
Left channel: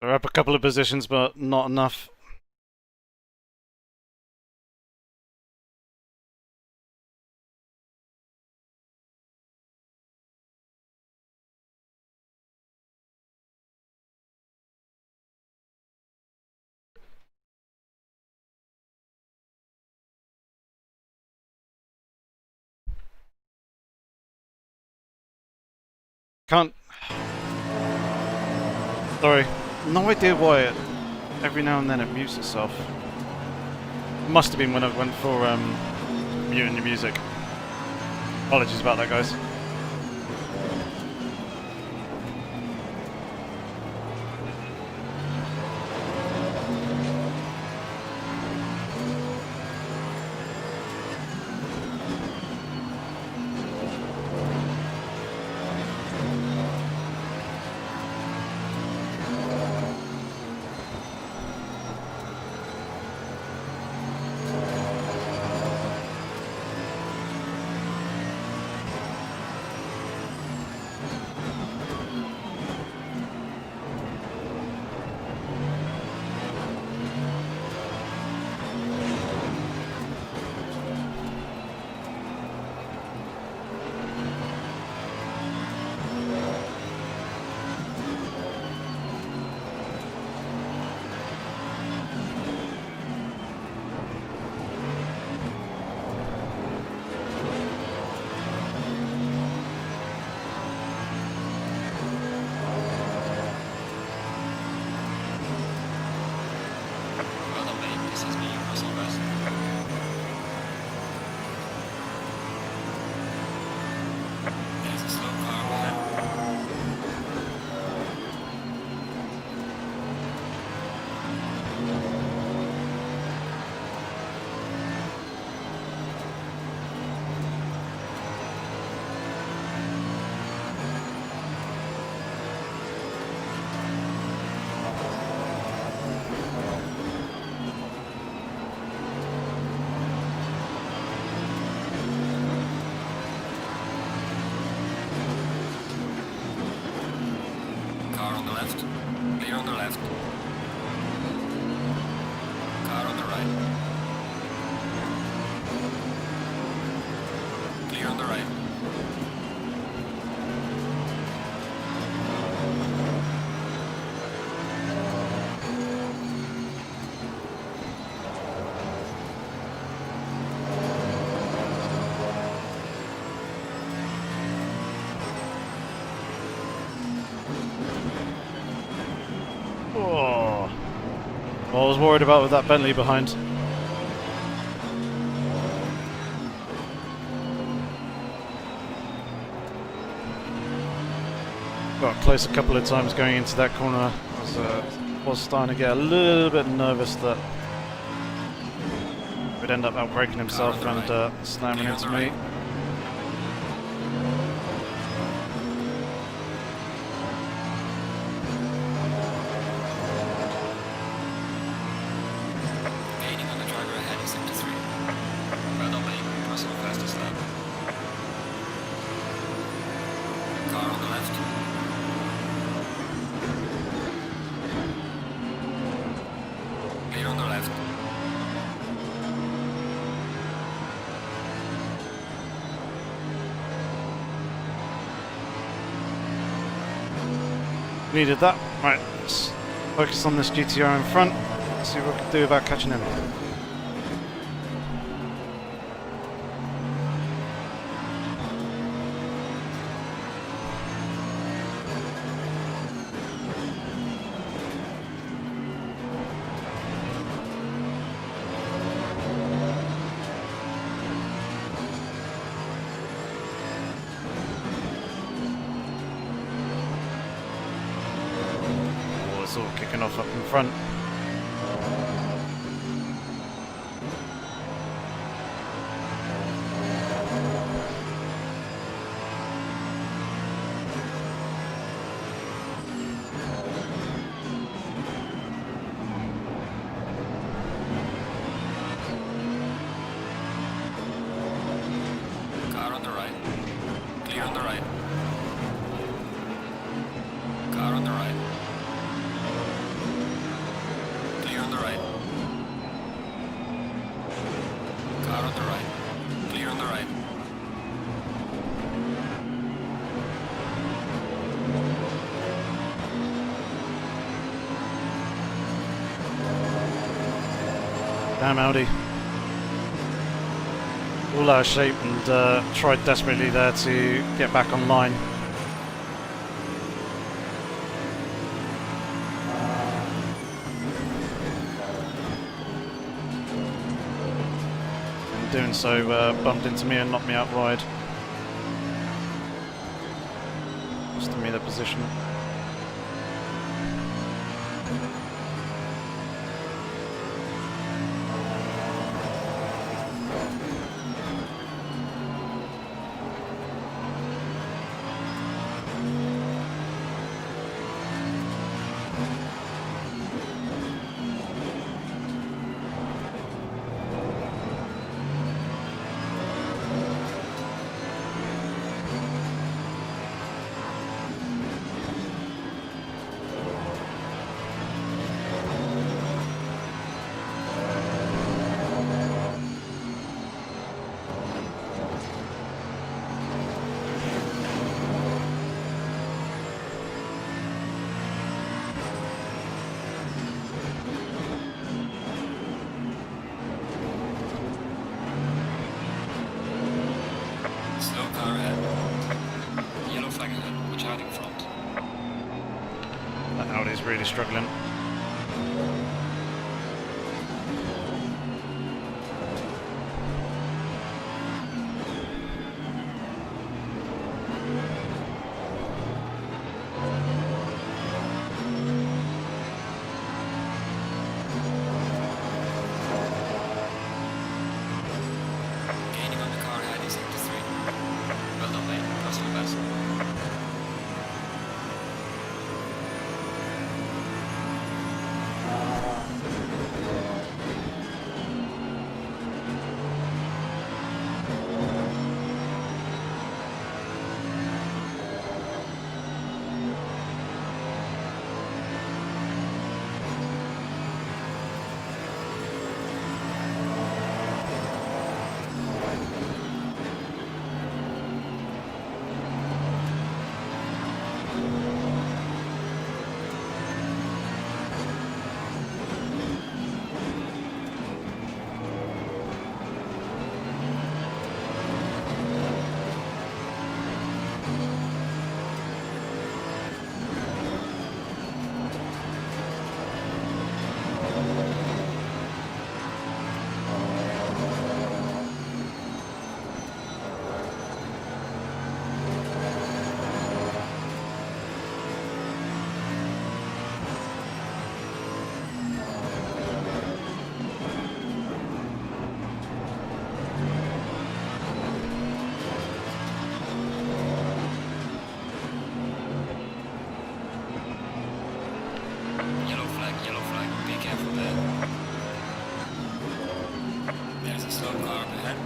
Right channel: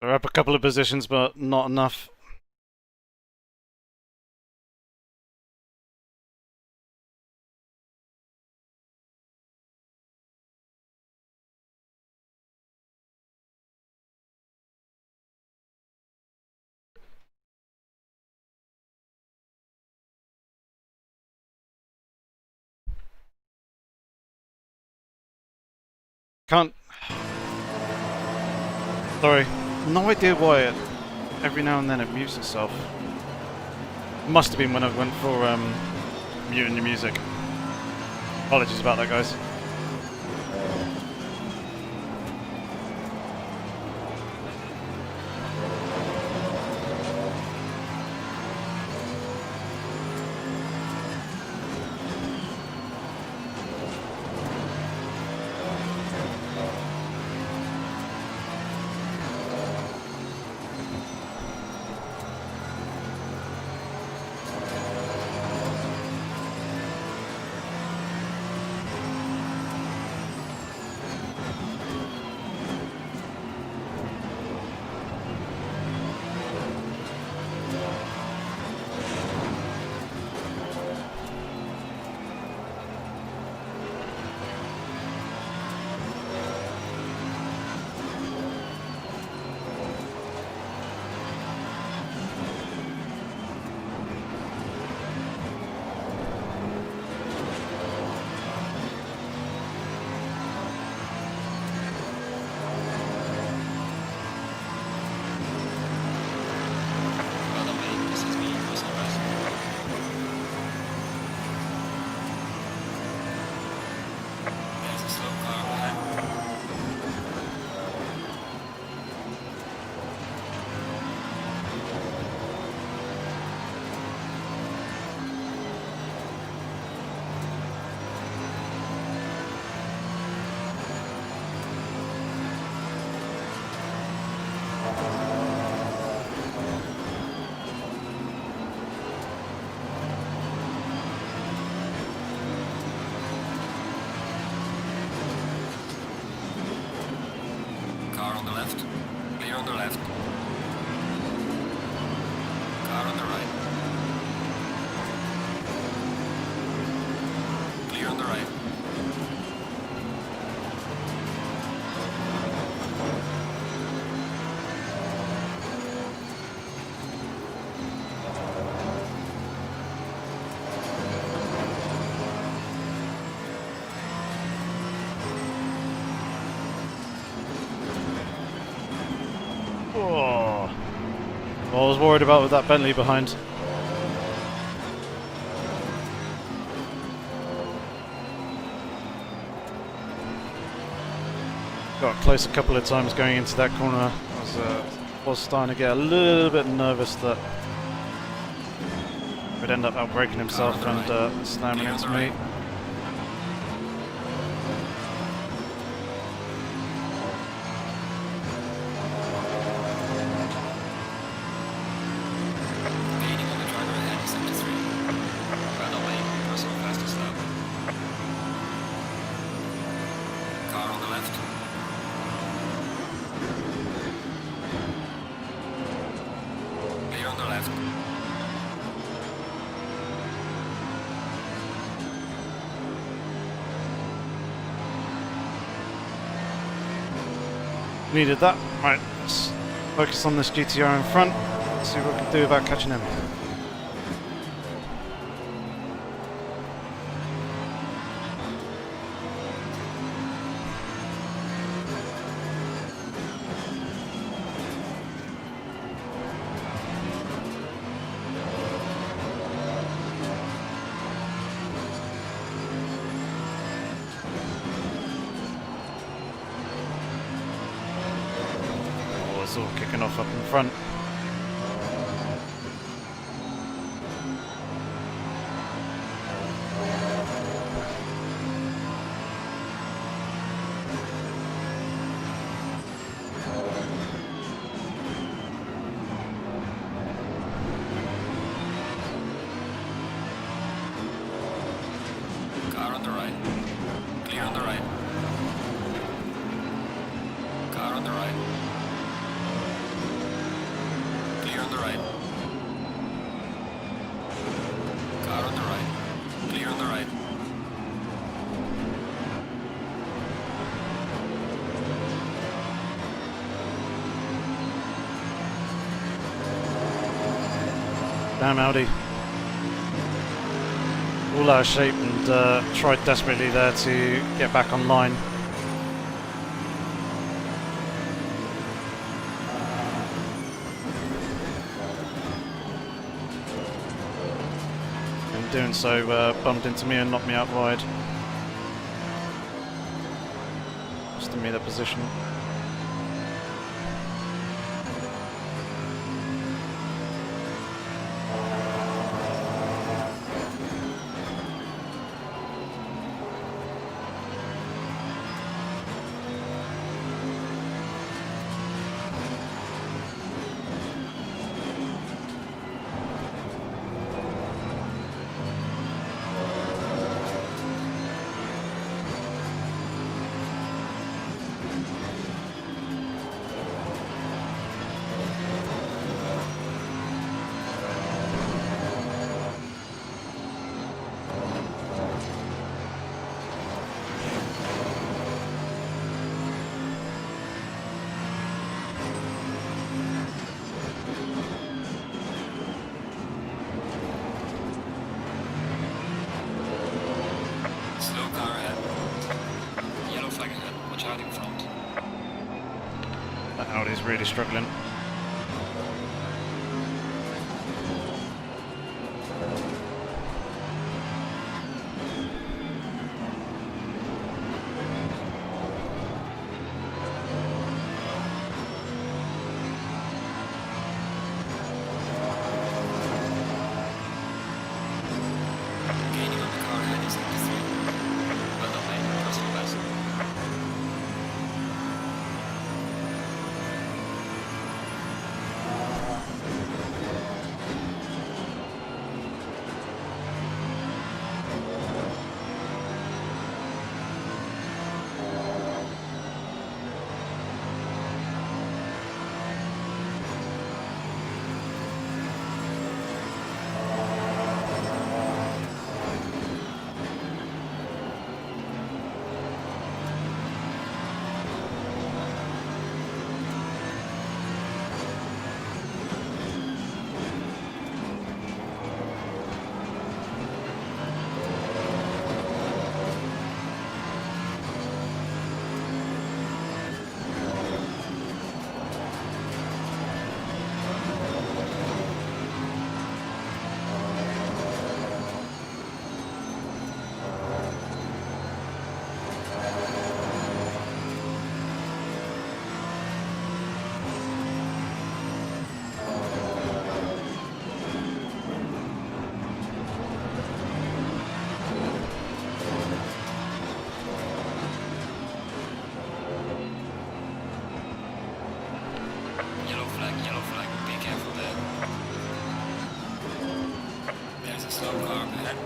We're up a couple of positions, but not enough. Can't... Sorry. No idea why every now and then it mutes itself. Must have been when I went for muting your music. Apologies about that, guys. Well done, mate. This is me, Russell West. There's a slow car ahead. Car on the left. Clear on the left. Car on the right. Clear on the right. Oh. Well, I was worried about with that Bentley behind. Got close a couple of times going into that corner. I was starting to get a little bit nervous that he'd end up outbraking himself and slamming into me. Gaining on the driver ahead in sector 3. Well done, mate. Personal fastest lap. Car on the left. Clear on the left. Needed that. Right, let's focus on this GTR in front. See what we can do about catching him. Oh, it's all kicking off up in front. Clear on the right. Car on the right. Clear on the right. Car on the right. Clear on the right. Damn Audi. All out of shape and tried desperately there to get back online. In doing so, bumped into me and knocked me out wide. Costing me the position. Slow car ahead. Yellow flag ahead. Watch out in front. That Audi's really struggling. Gaining on the car ahead is 73. Well done, mate. Personal best. Yellow flag, be careful there. There's a slow car up ahead.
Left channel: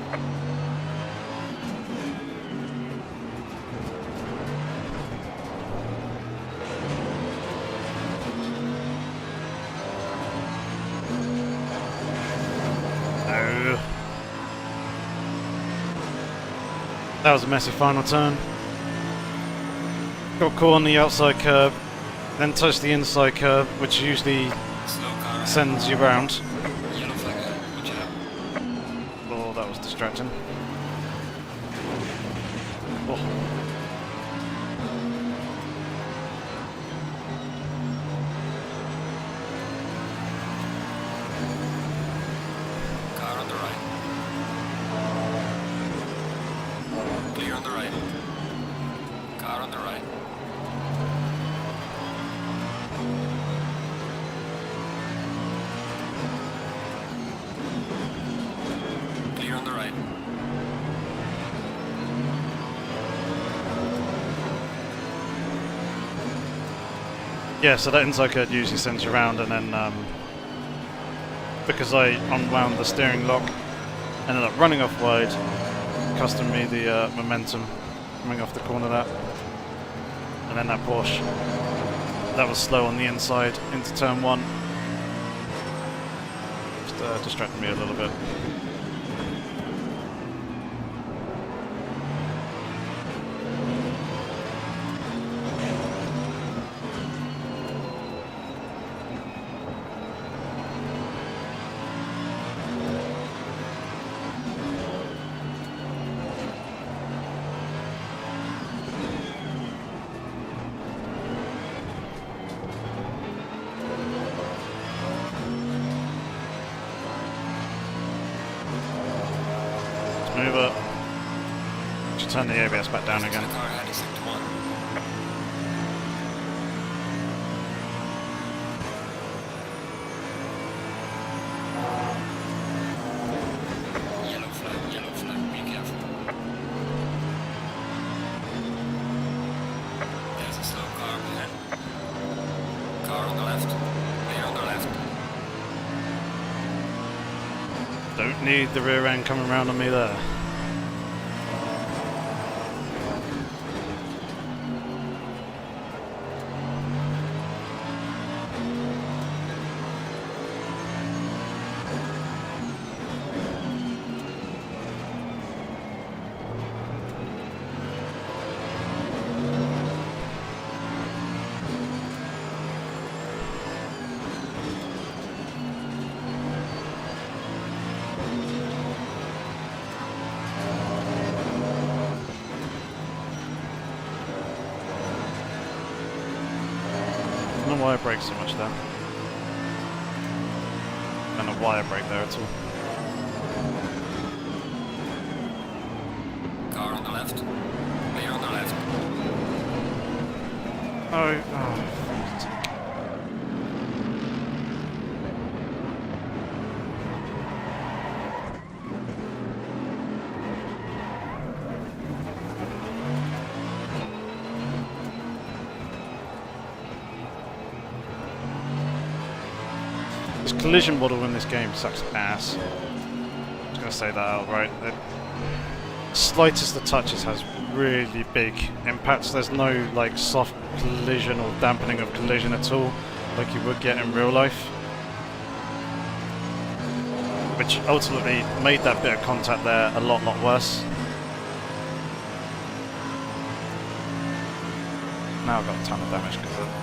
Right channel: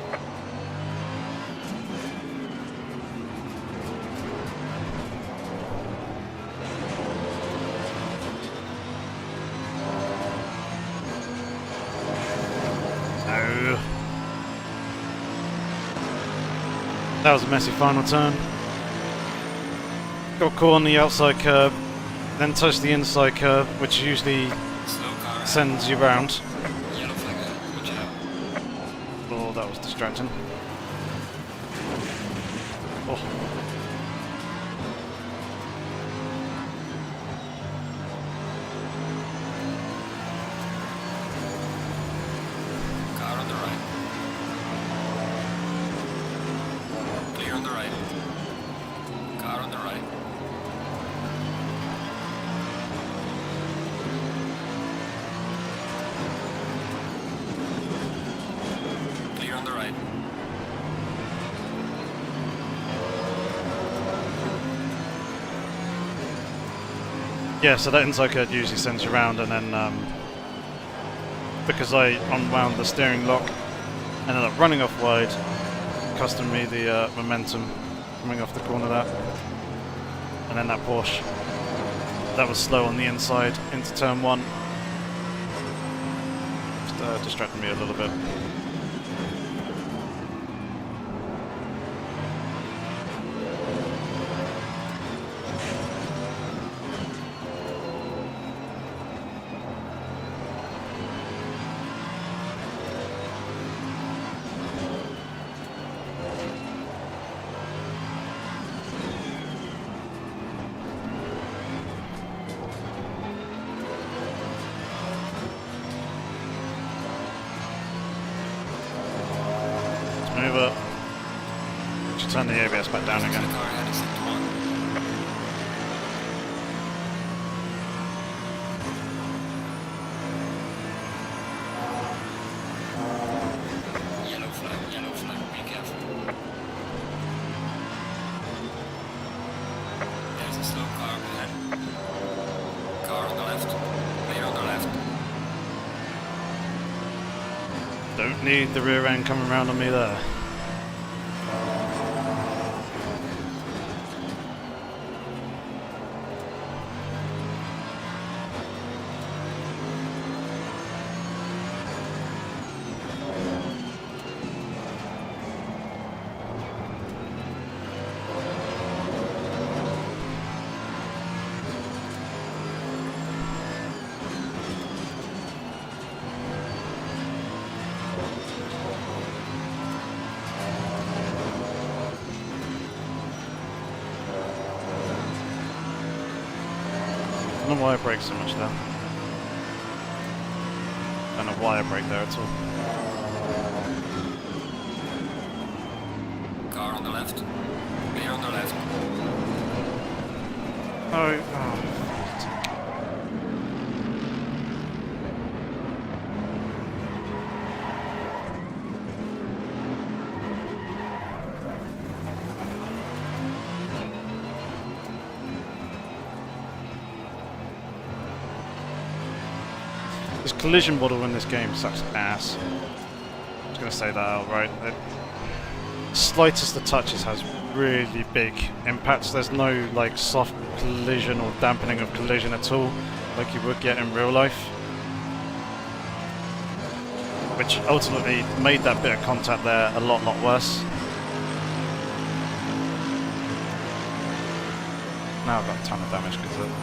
No. That was a messy final turn. Got caught on the outside curb, then touched the inside curb, which usually Slow car ahead. sends you round. Yellow flag ahead, watch out. Oh, that was distracting. Oh. Car on the right. Clear on the right. Car on the right. Clear on the right. Yeah, so that inside curve usually sends you around, and then because I unwound the steering lock, ended up running off wide, costing me the momentum. coming off the corner there. And then that Porsche. That was slow on the inside into turn 1. Just distracted me a little bit. Move up. Should turn the ABS back down again. The car ahead is sector 1. Yellow flag, be careful. There's a slow car up ahead. Car on the left, clear on the left. Don't need the rear end coming around on me there. I don't know why I brake so much there. I don't know why I brake there at all. Car on the left, clear on the left. Oh. This collision model in this game sucks ass. I'm just going to say that outright. The slightest of touches has really big impacts. There's no like soft collision or dampening of collision at all, like you would get in real life. Which ultimately made that bit of contact there a lot worse. Now I've got a ton of damage because of it.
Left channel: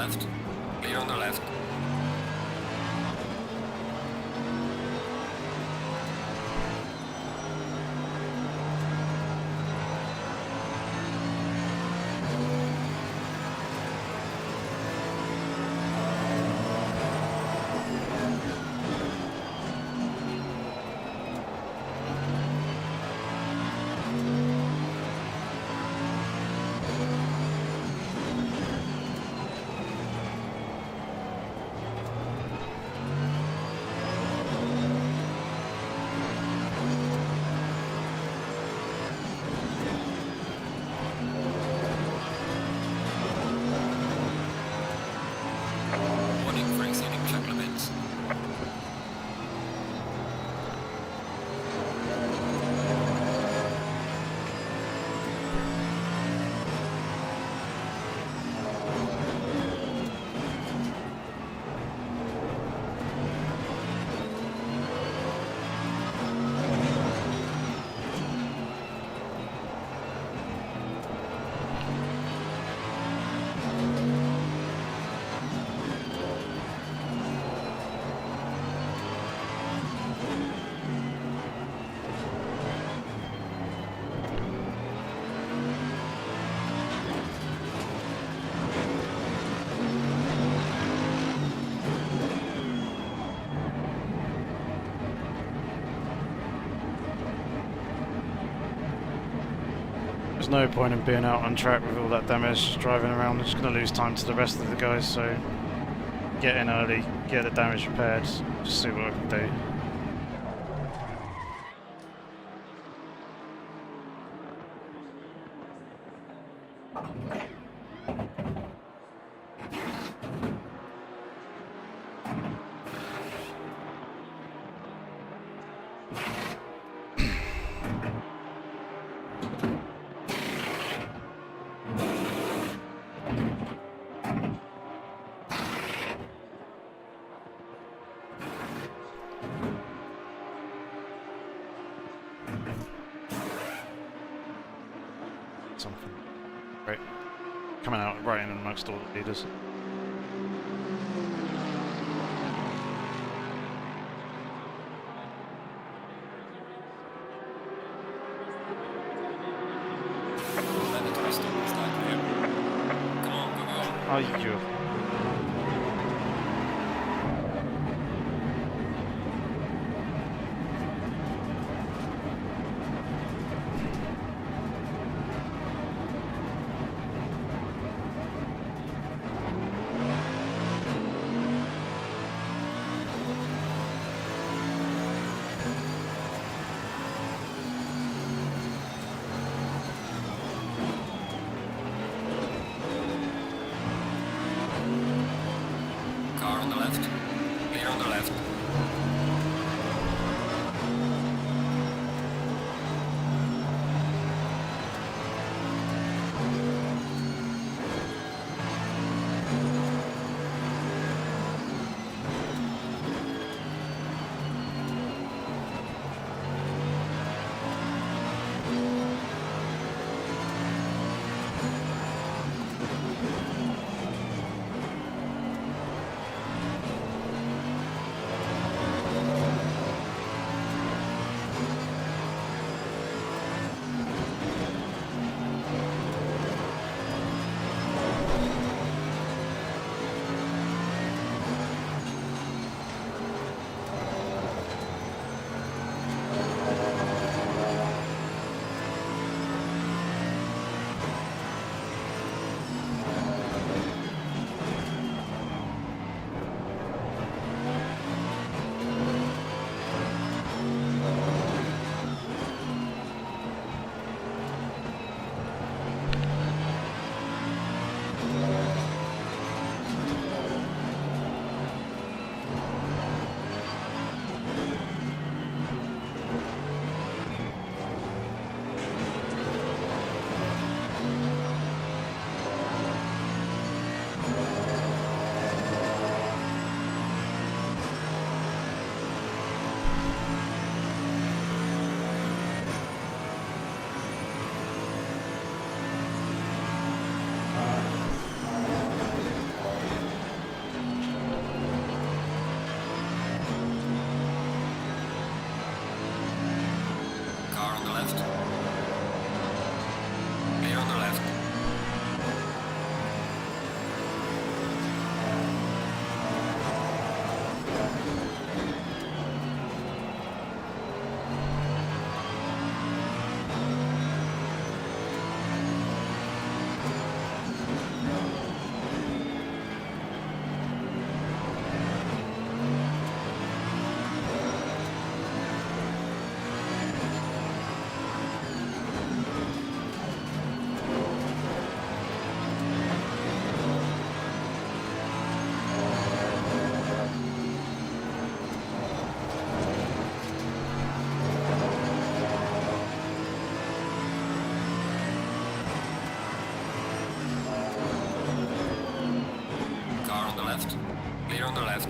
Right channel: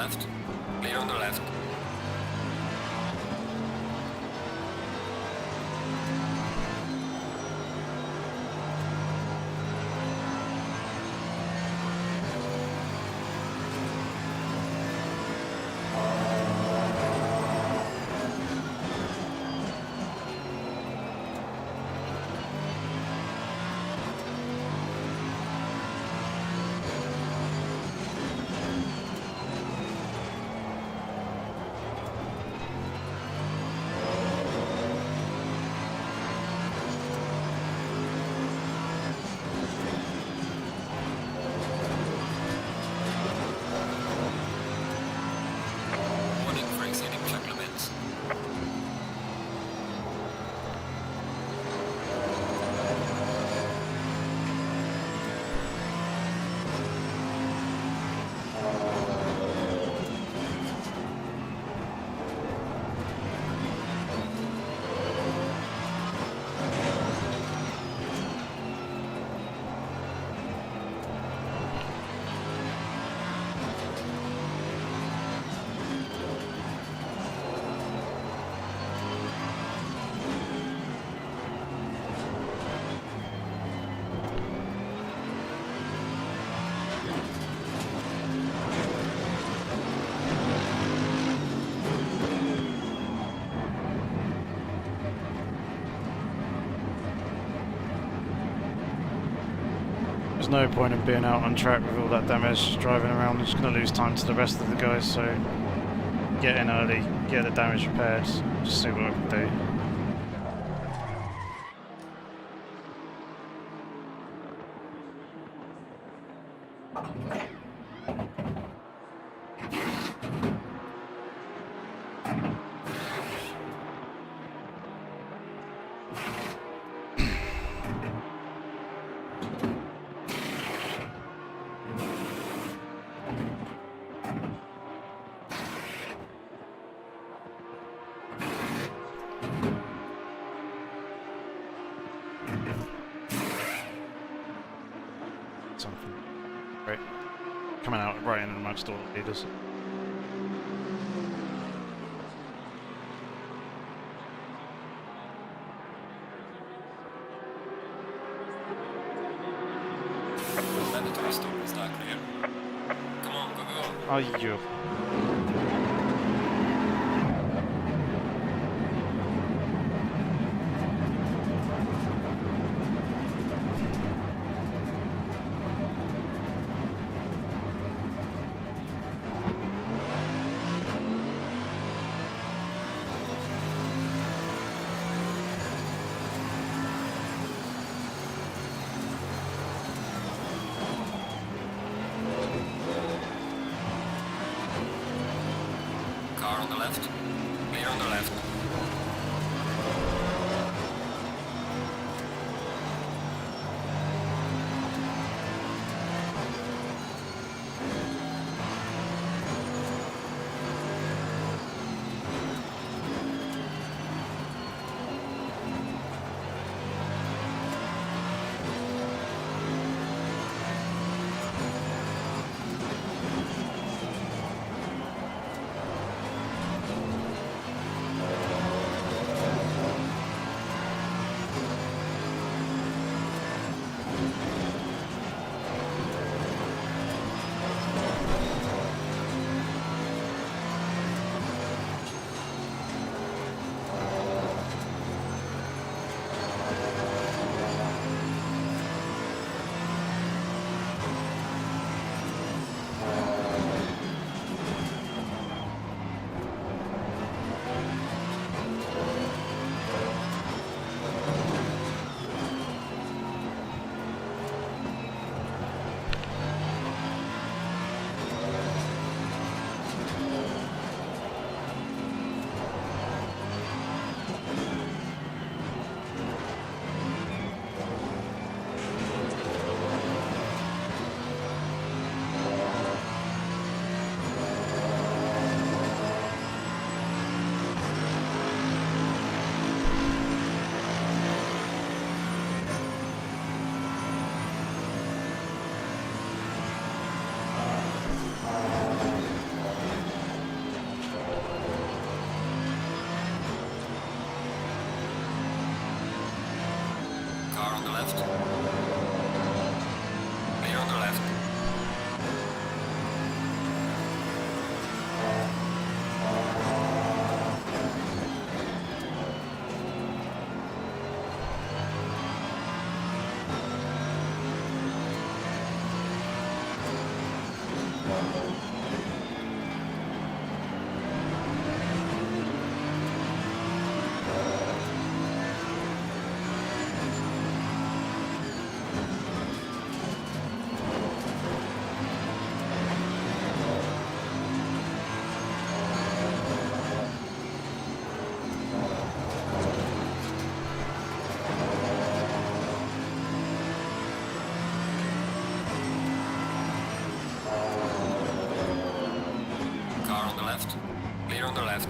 left. Clear on the left. There's no point in being out on track with all that damage, driving around. I'm just going to lose time to the rest of the guys, so get in early, get the damage repaired, just see what I can do. Something. Right. Coming out right in amongst all the leaders. Mandatory stop is not clear. Come on, go, go. Ayyo. Car on the left. Clear on the left. Car on the left. Clear on the left. Car on the left. Clear on the left.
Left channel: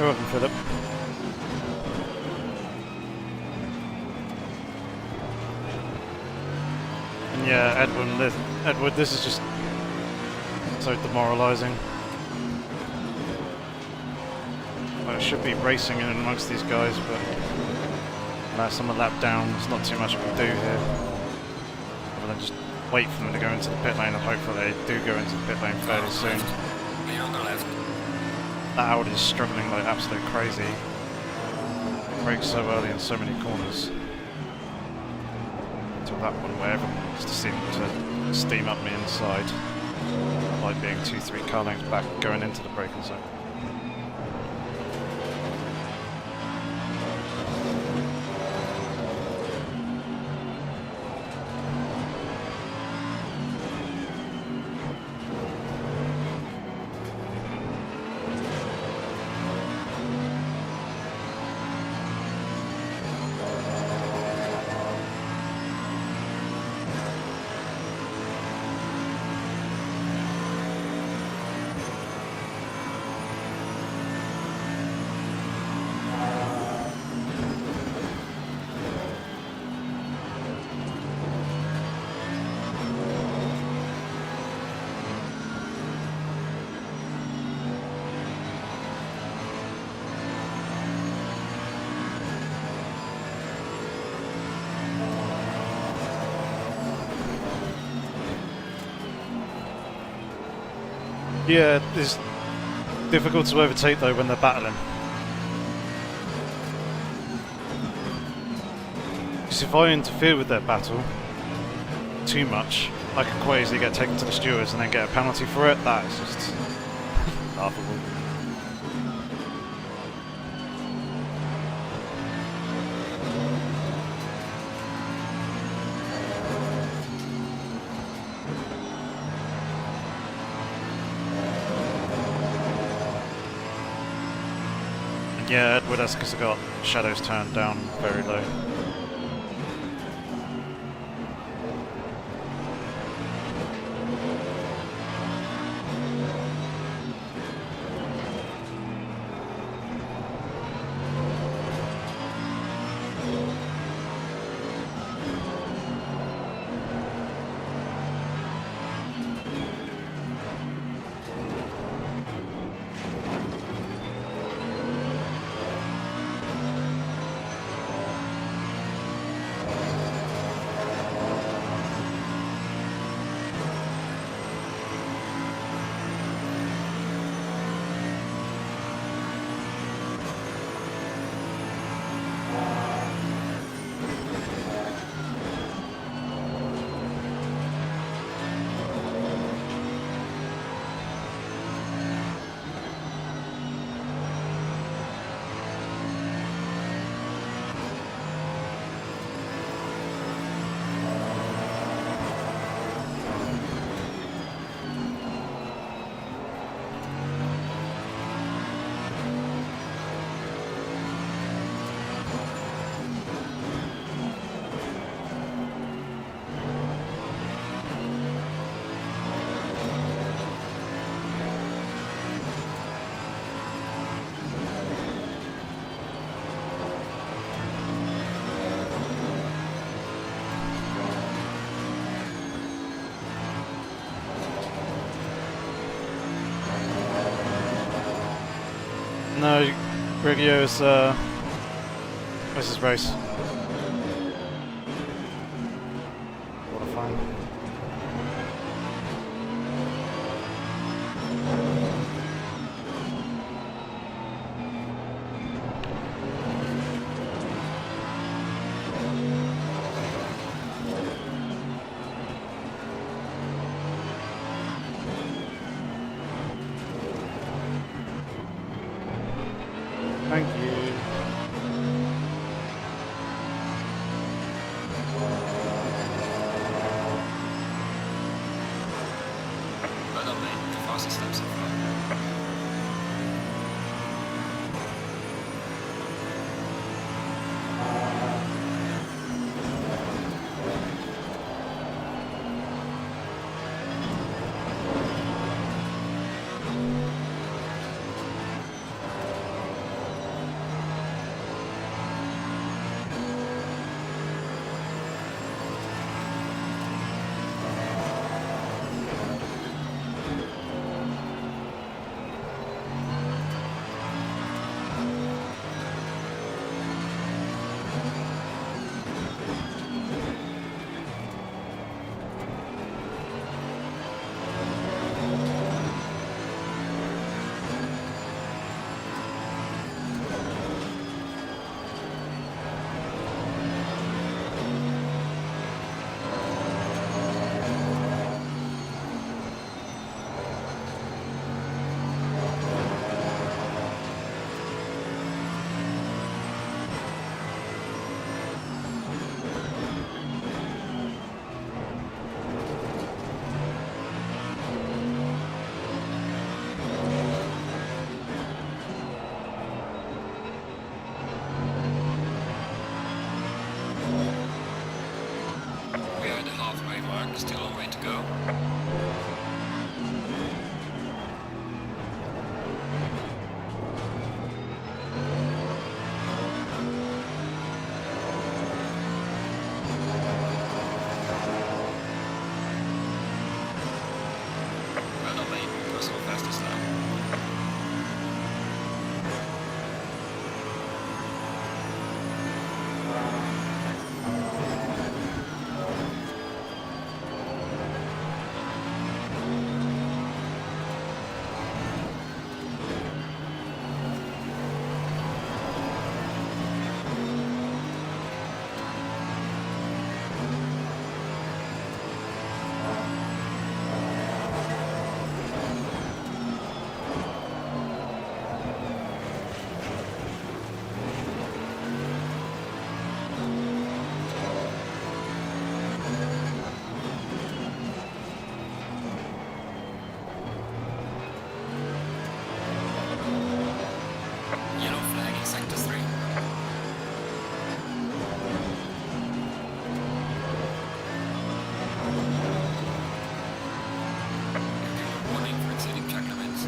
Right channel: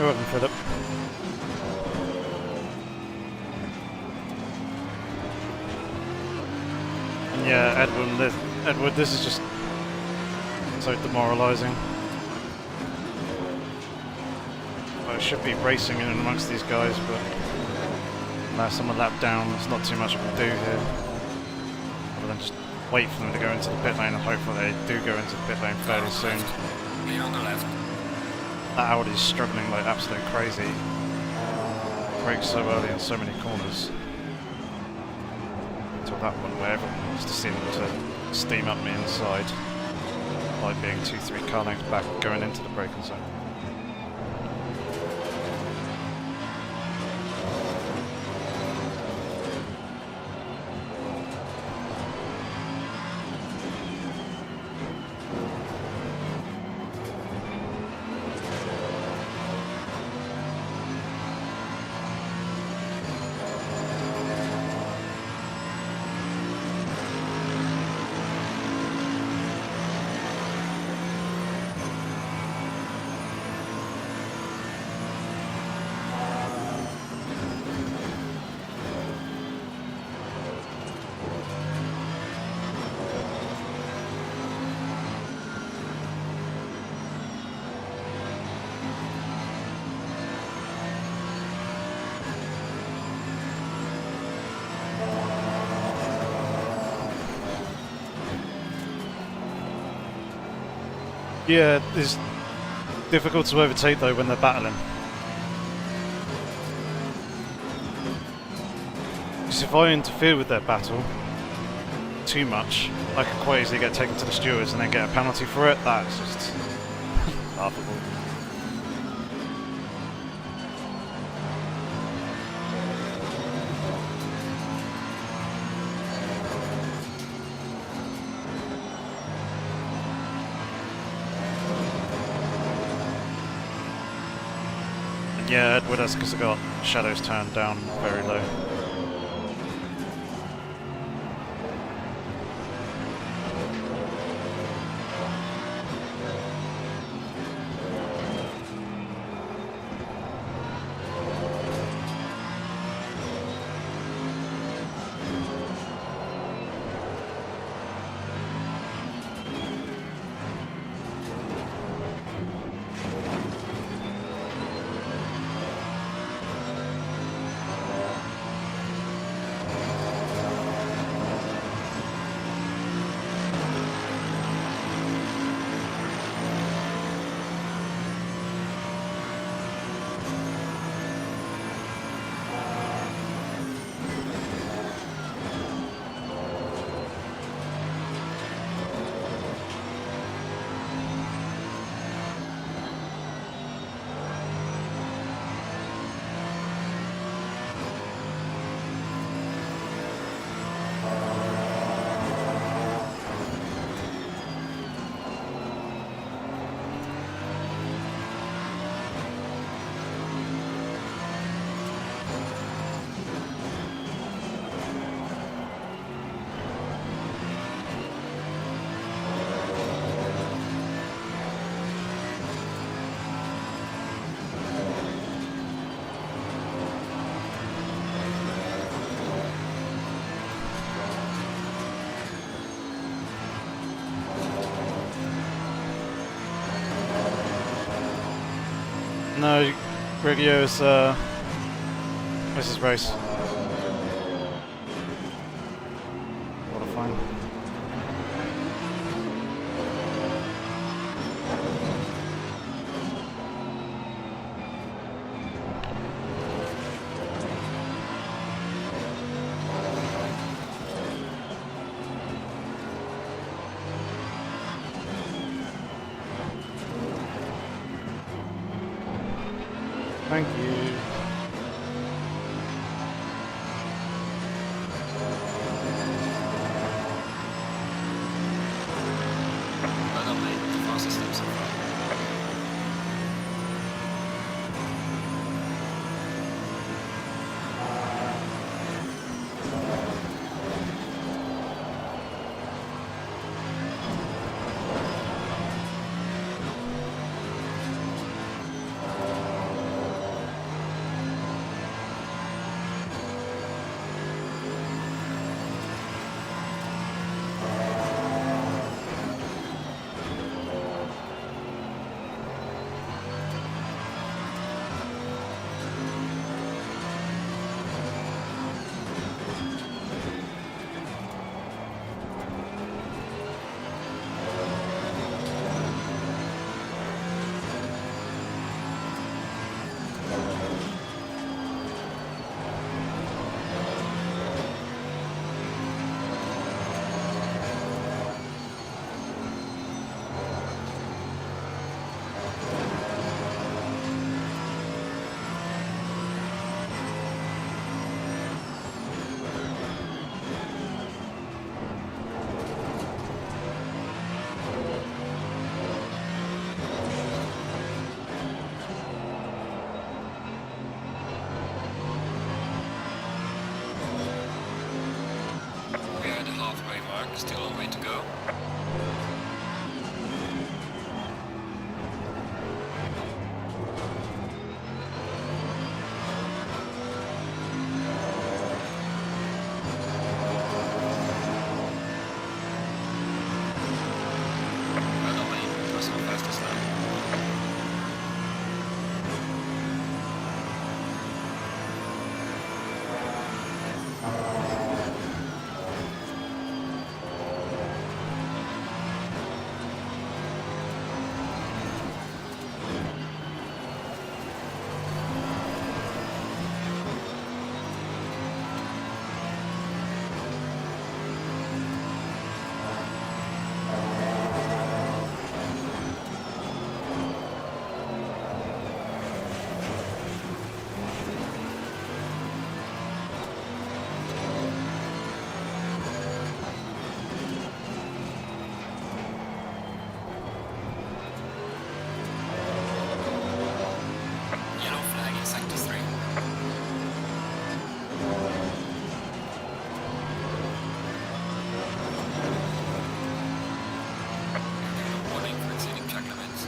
You're welcome, Philip. And yeah, Edward, this is just so demoralising. I should be racing in amongst these guys, but unless I'm a lap down, there's not too much I can do here. Other than just wait for them to go into the pit lane and hope that they do go into the pit lane fairly soon. Clear on the left. That Audi's struggling like absolute crazy. Brakes so early in so many corners. Until that one where everyone wants to seem to steam up me inside. Like being 2-3 car lengths back going into the braking zone. Yeah, it's difficult to overtake though when they're battling. Because if I interfere with their battle too much, I could quite easily get taken to the stewards and then get a penalty for it. That is just laughable. Yeah, Edward has because I got shadows turned down very low. No, Riggio is this is race. What a fine. Thank you. Well done, mate. The fastest lap so far. Still a long way to go. Well done, mate. Personal fastest lap. Yellow flag in sector 3. Give a warning for exceeding track limits.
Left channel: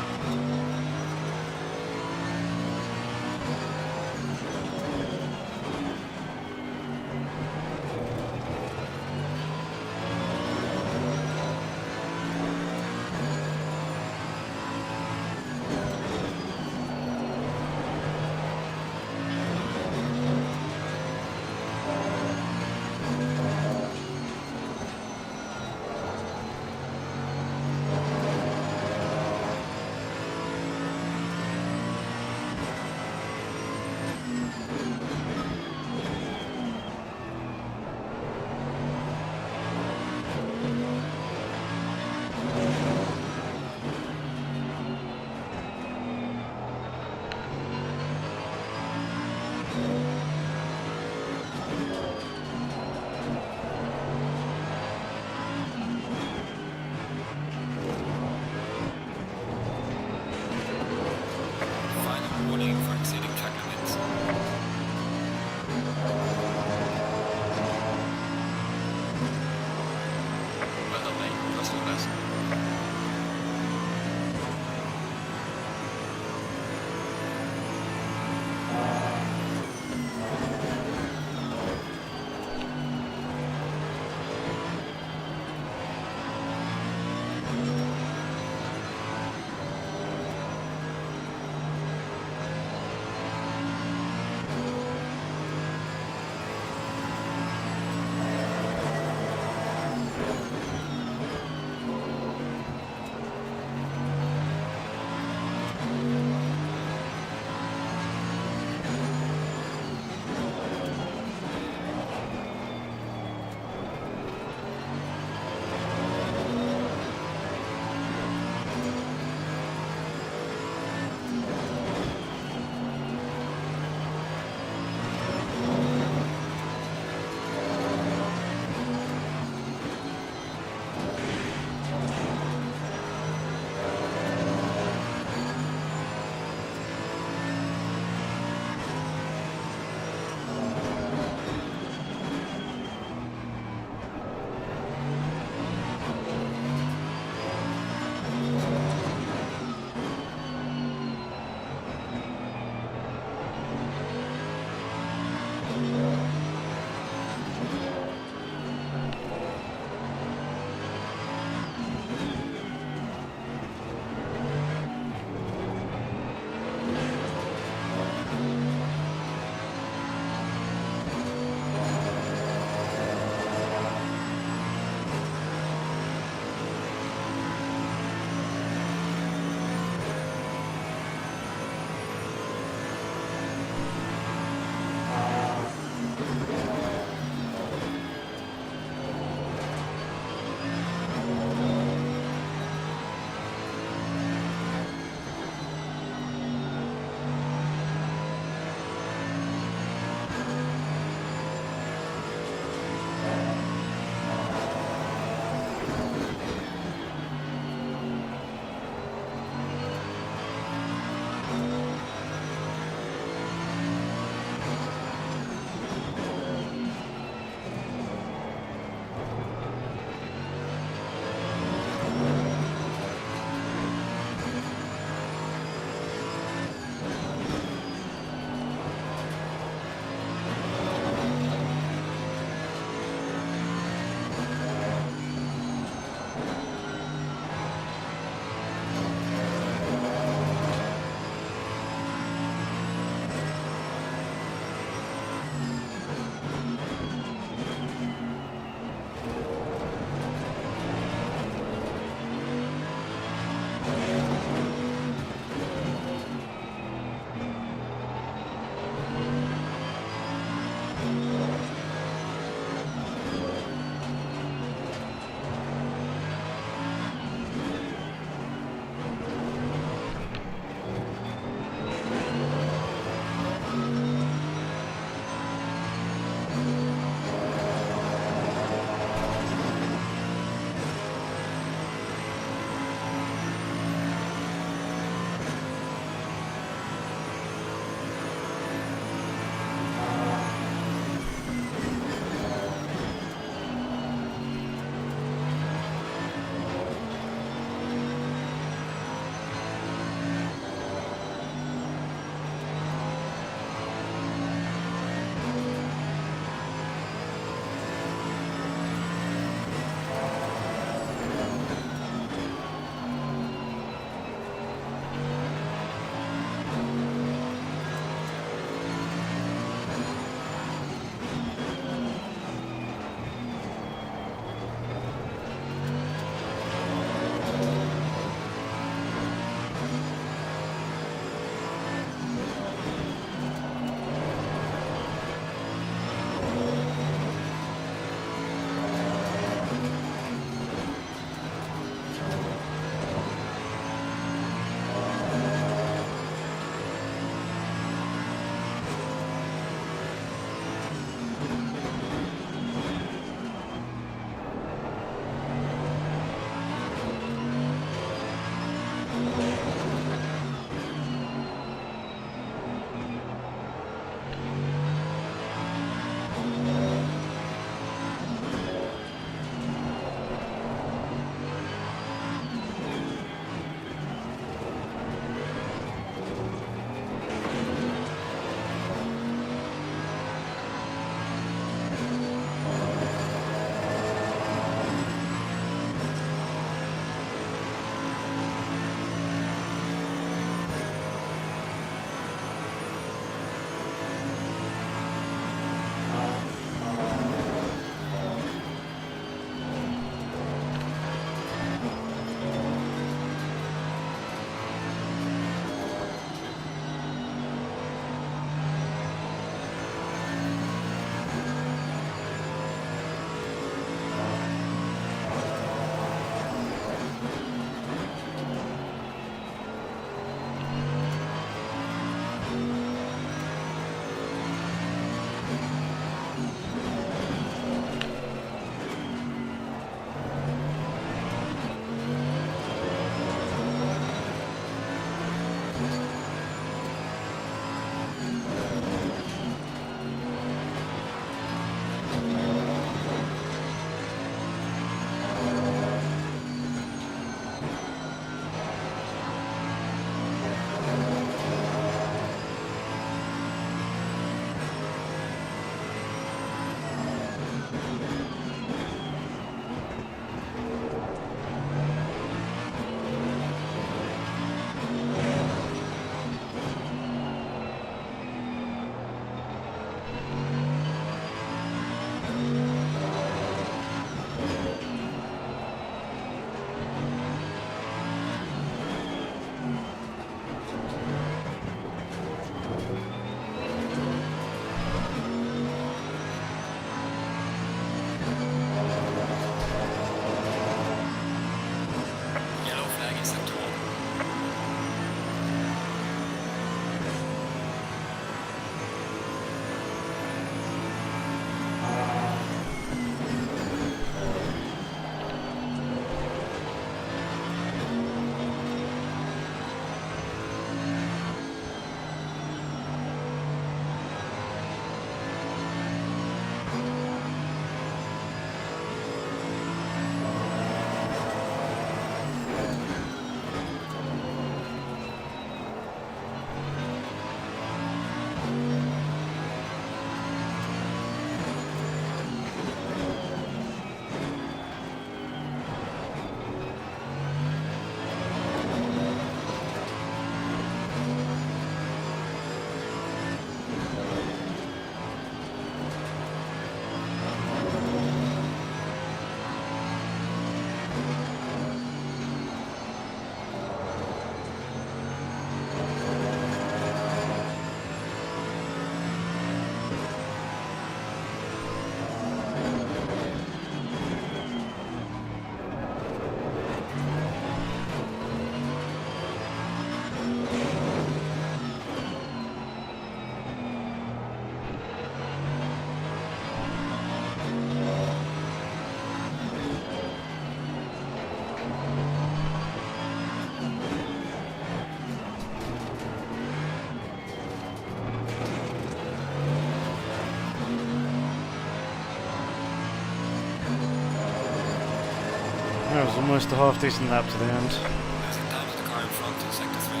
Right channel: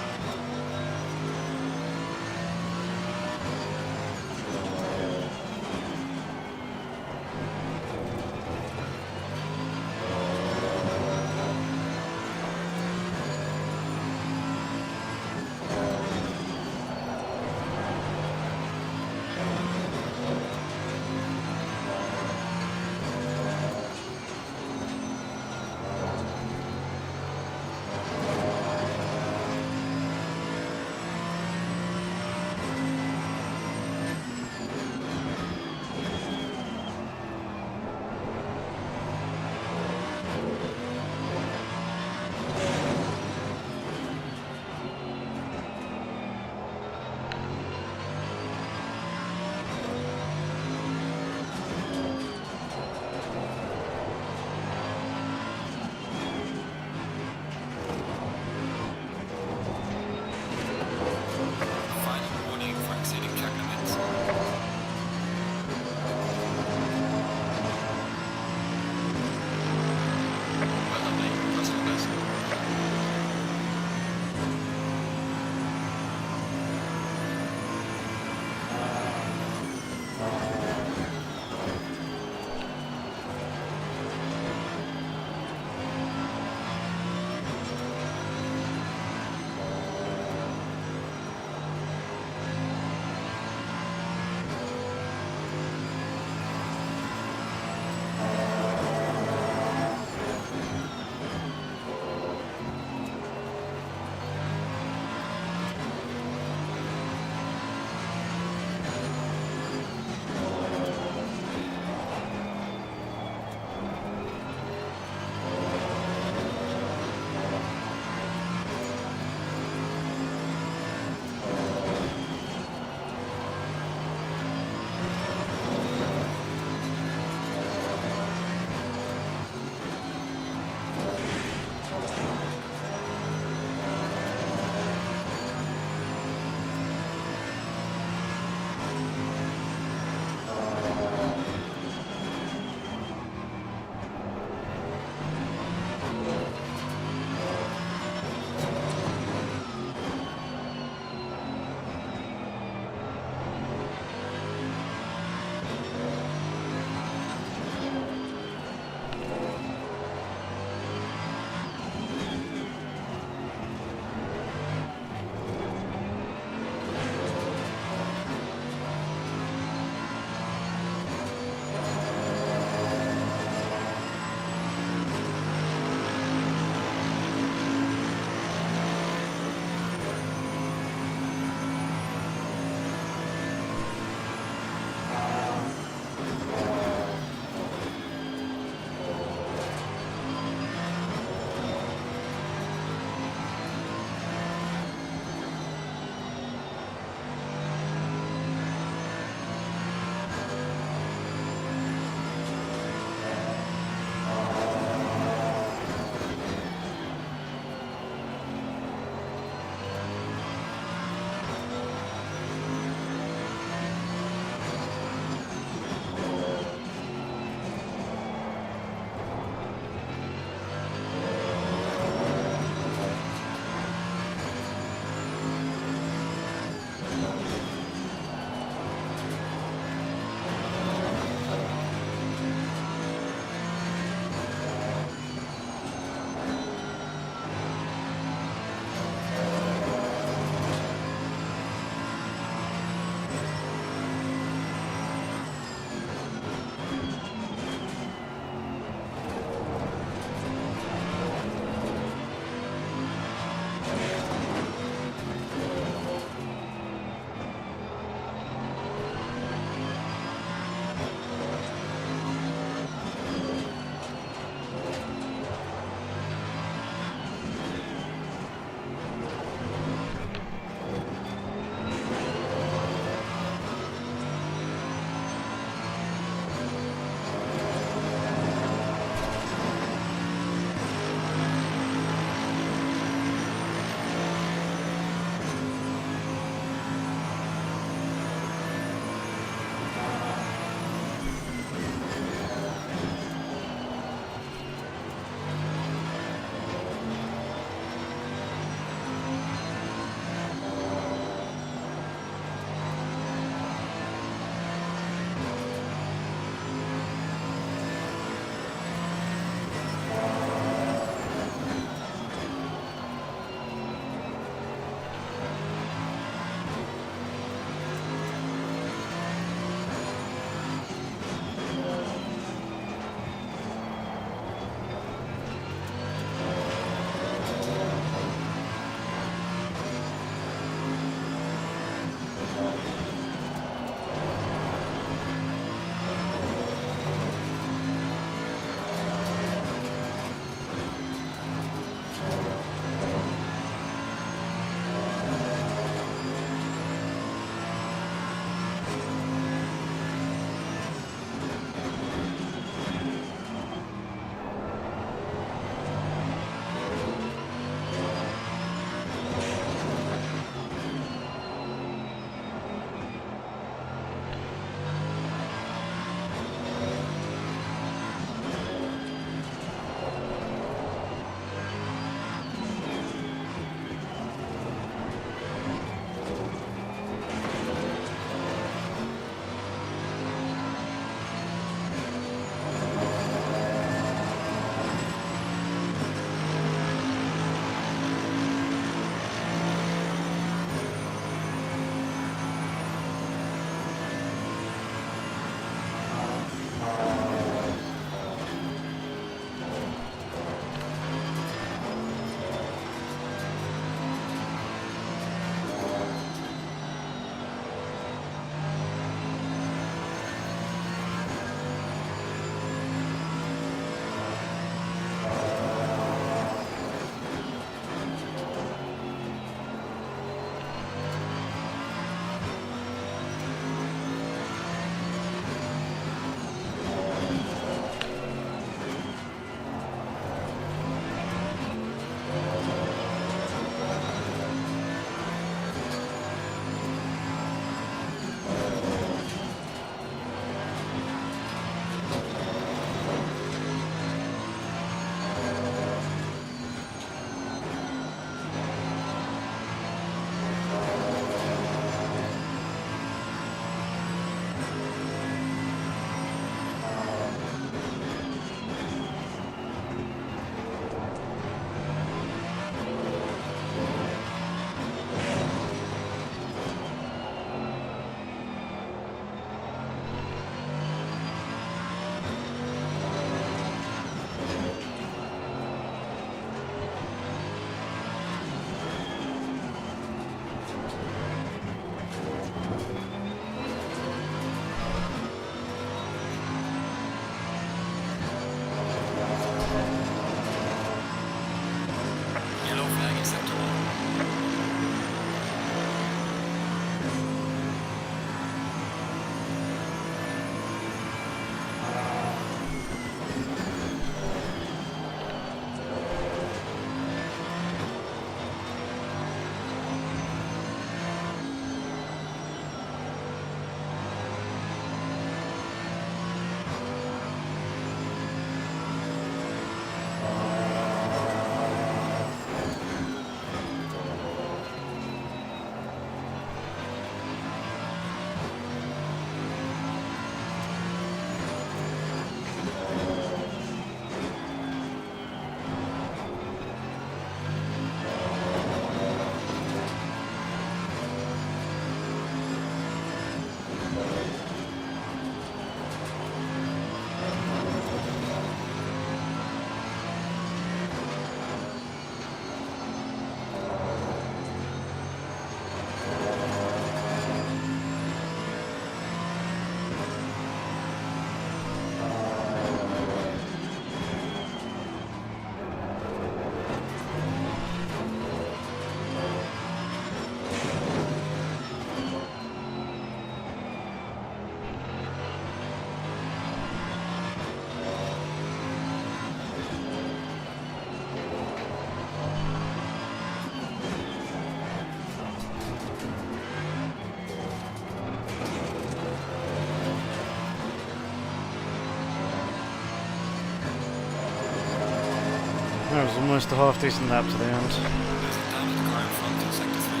That was almost a half decent lap to the end. There's a down to the car in front in sector 3.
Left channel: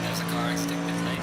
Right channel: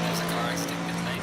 There's a car exiting pit lane.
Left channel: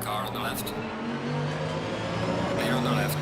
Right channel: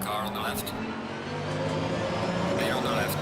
Car on the left. Clear on the left.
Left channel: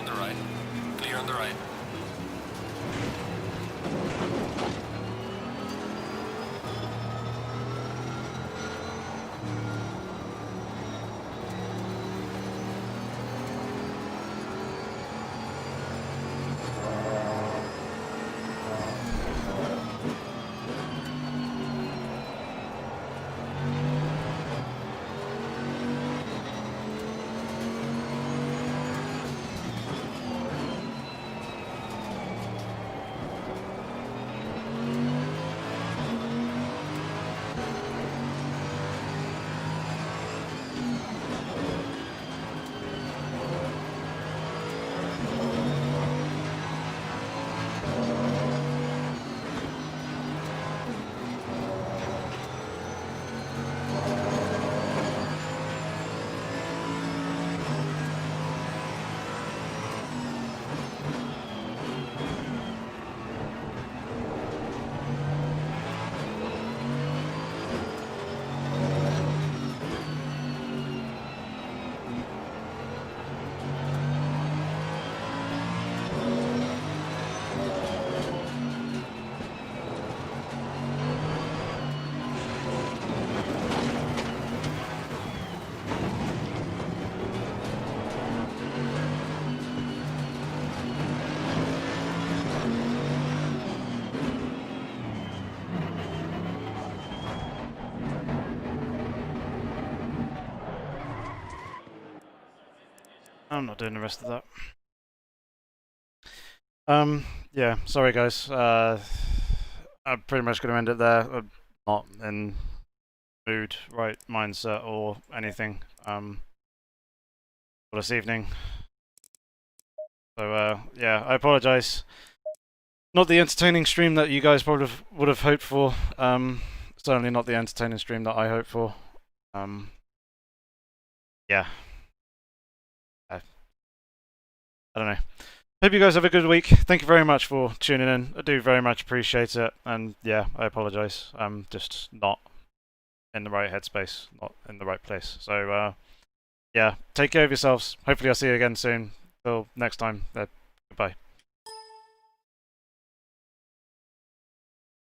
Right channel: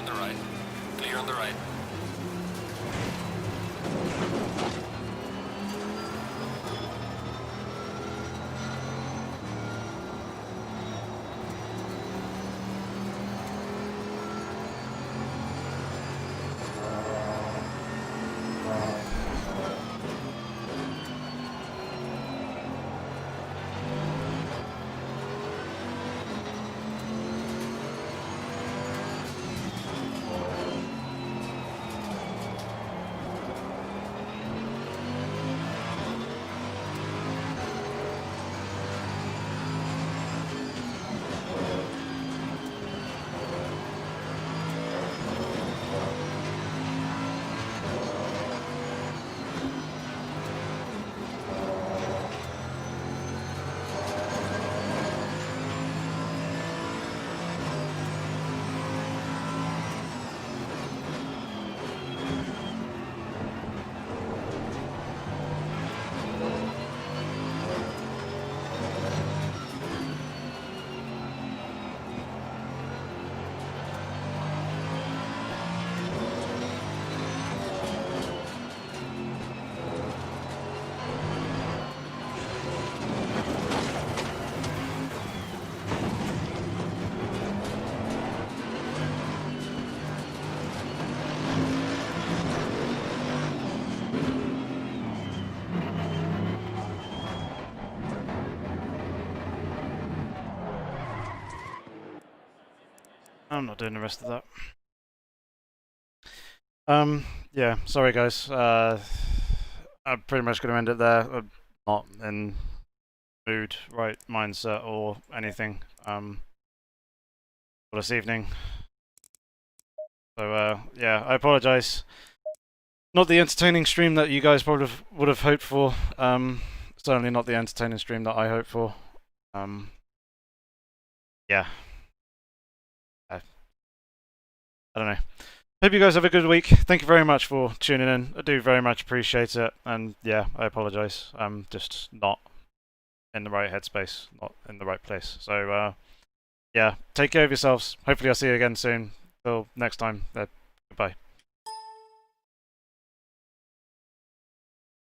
on the right. Clear on the right. I'm not doing the rest of that. Yeah, sorry guys. I'm pretty much going to end it there. I'm not in mood, right mindset, or anything for this evening. So yeah, I apologise. Not the entertaining stream that you guys probably would have hoped for. Certainly not the entertaining stream that I hoped for. Yeah. I don't know. Hope you guys have a good week. Thank you very much for tuning in. I do very much appreciate it. And yeah, I apologise. I'm just not in the right headspace, not in the right place. So yeah, take care of yourselves. Hopefully I'll see you again soon. Till next time. Goodbye.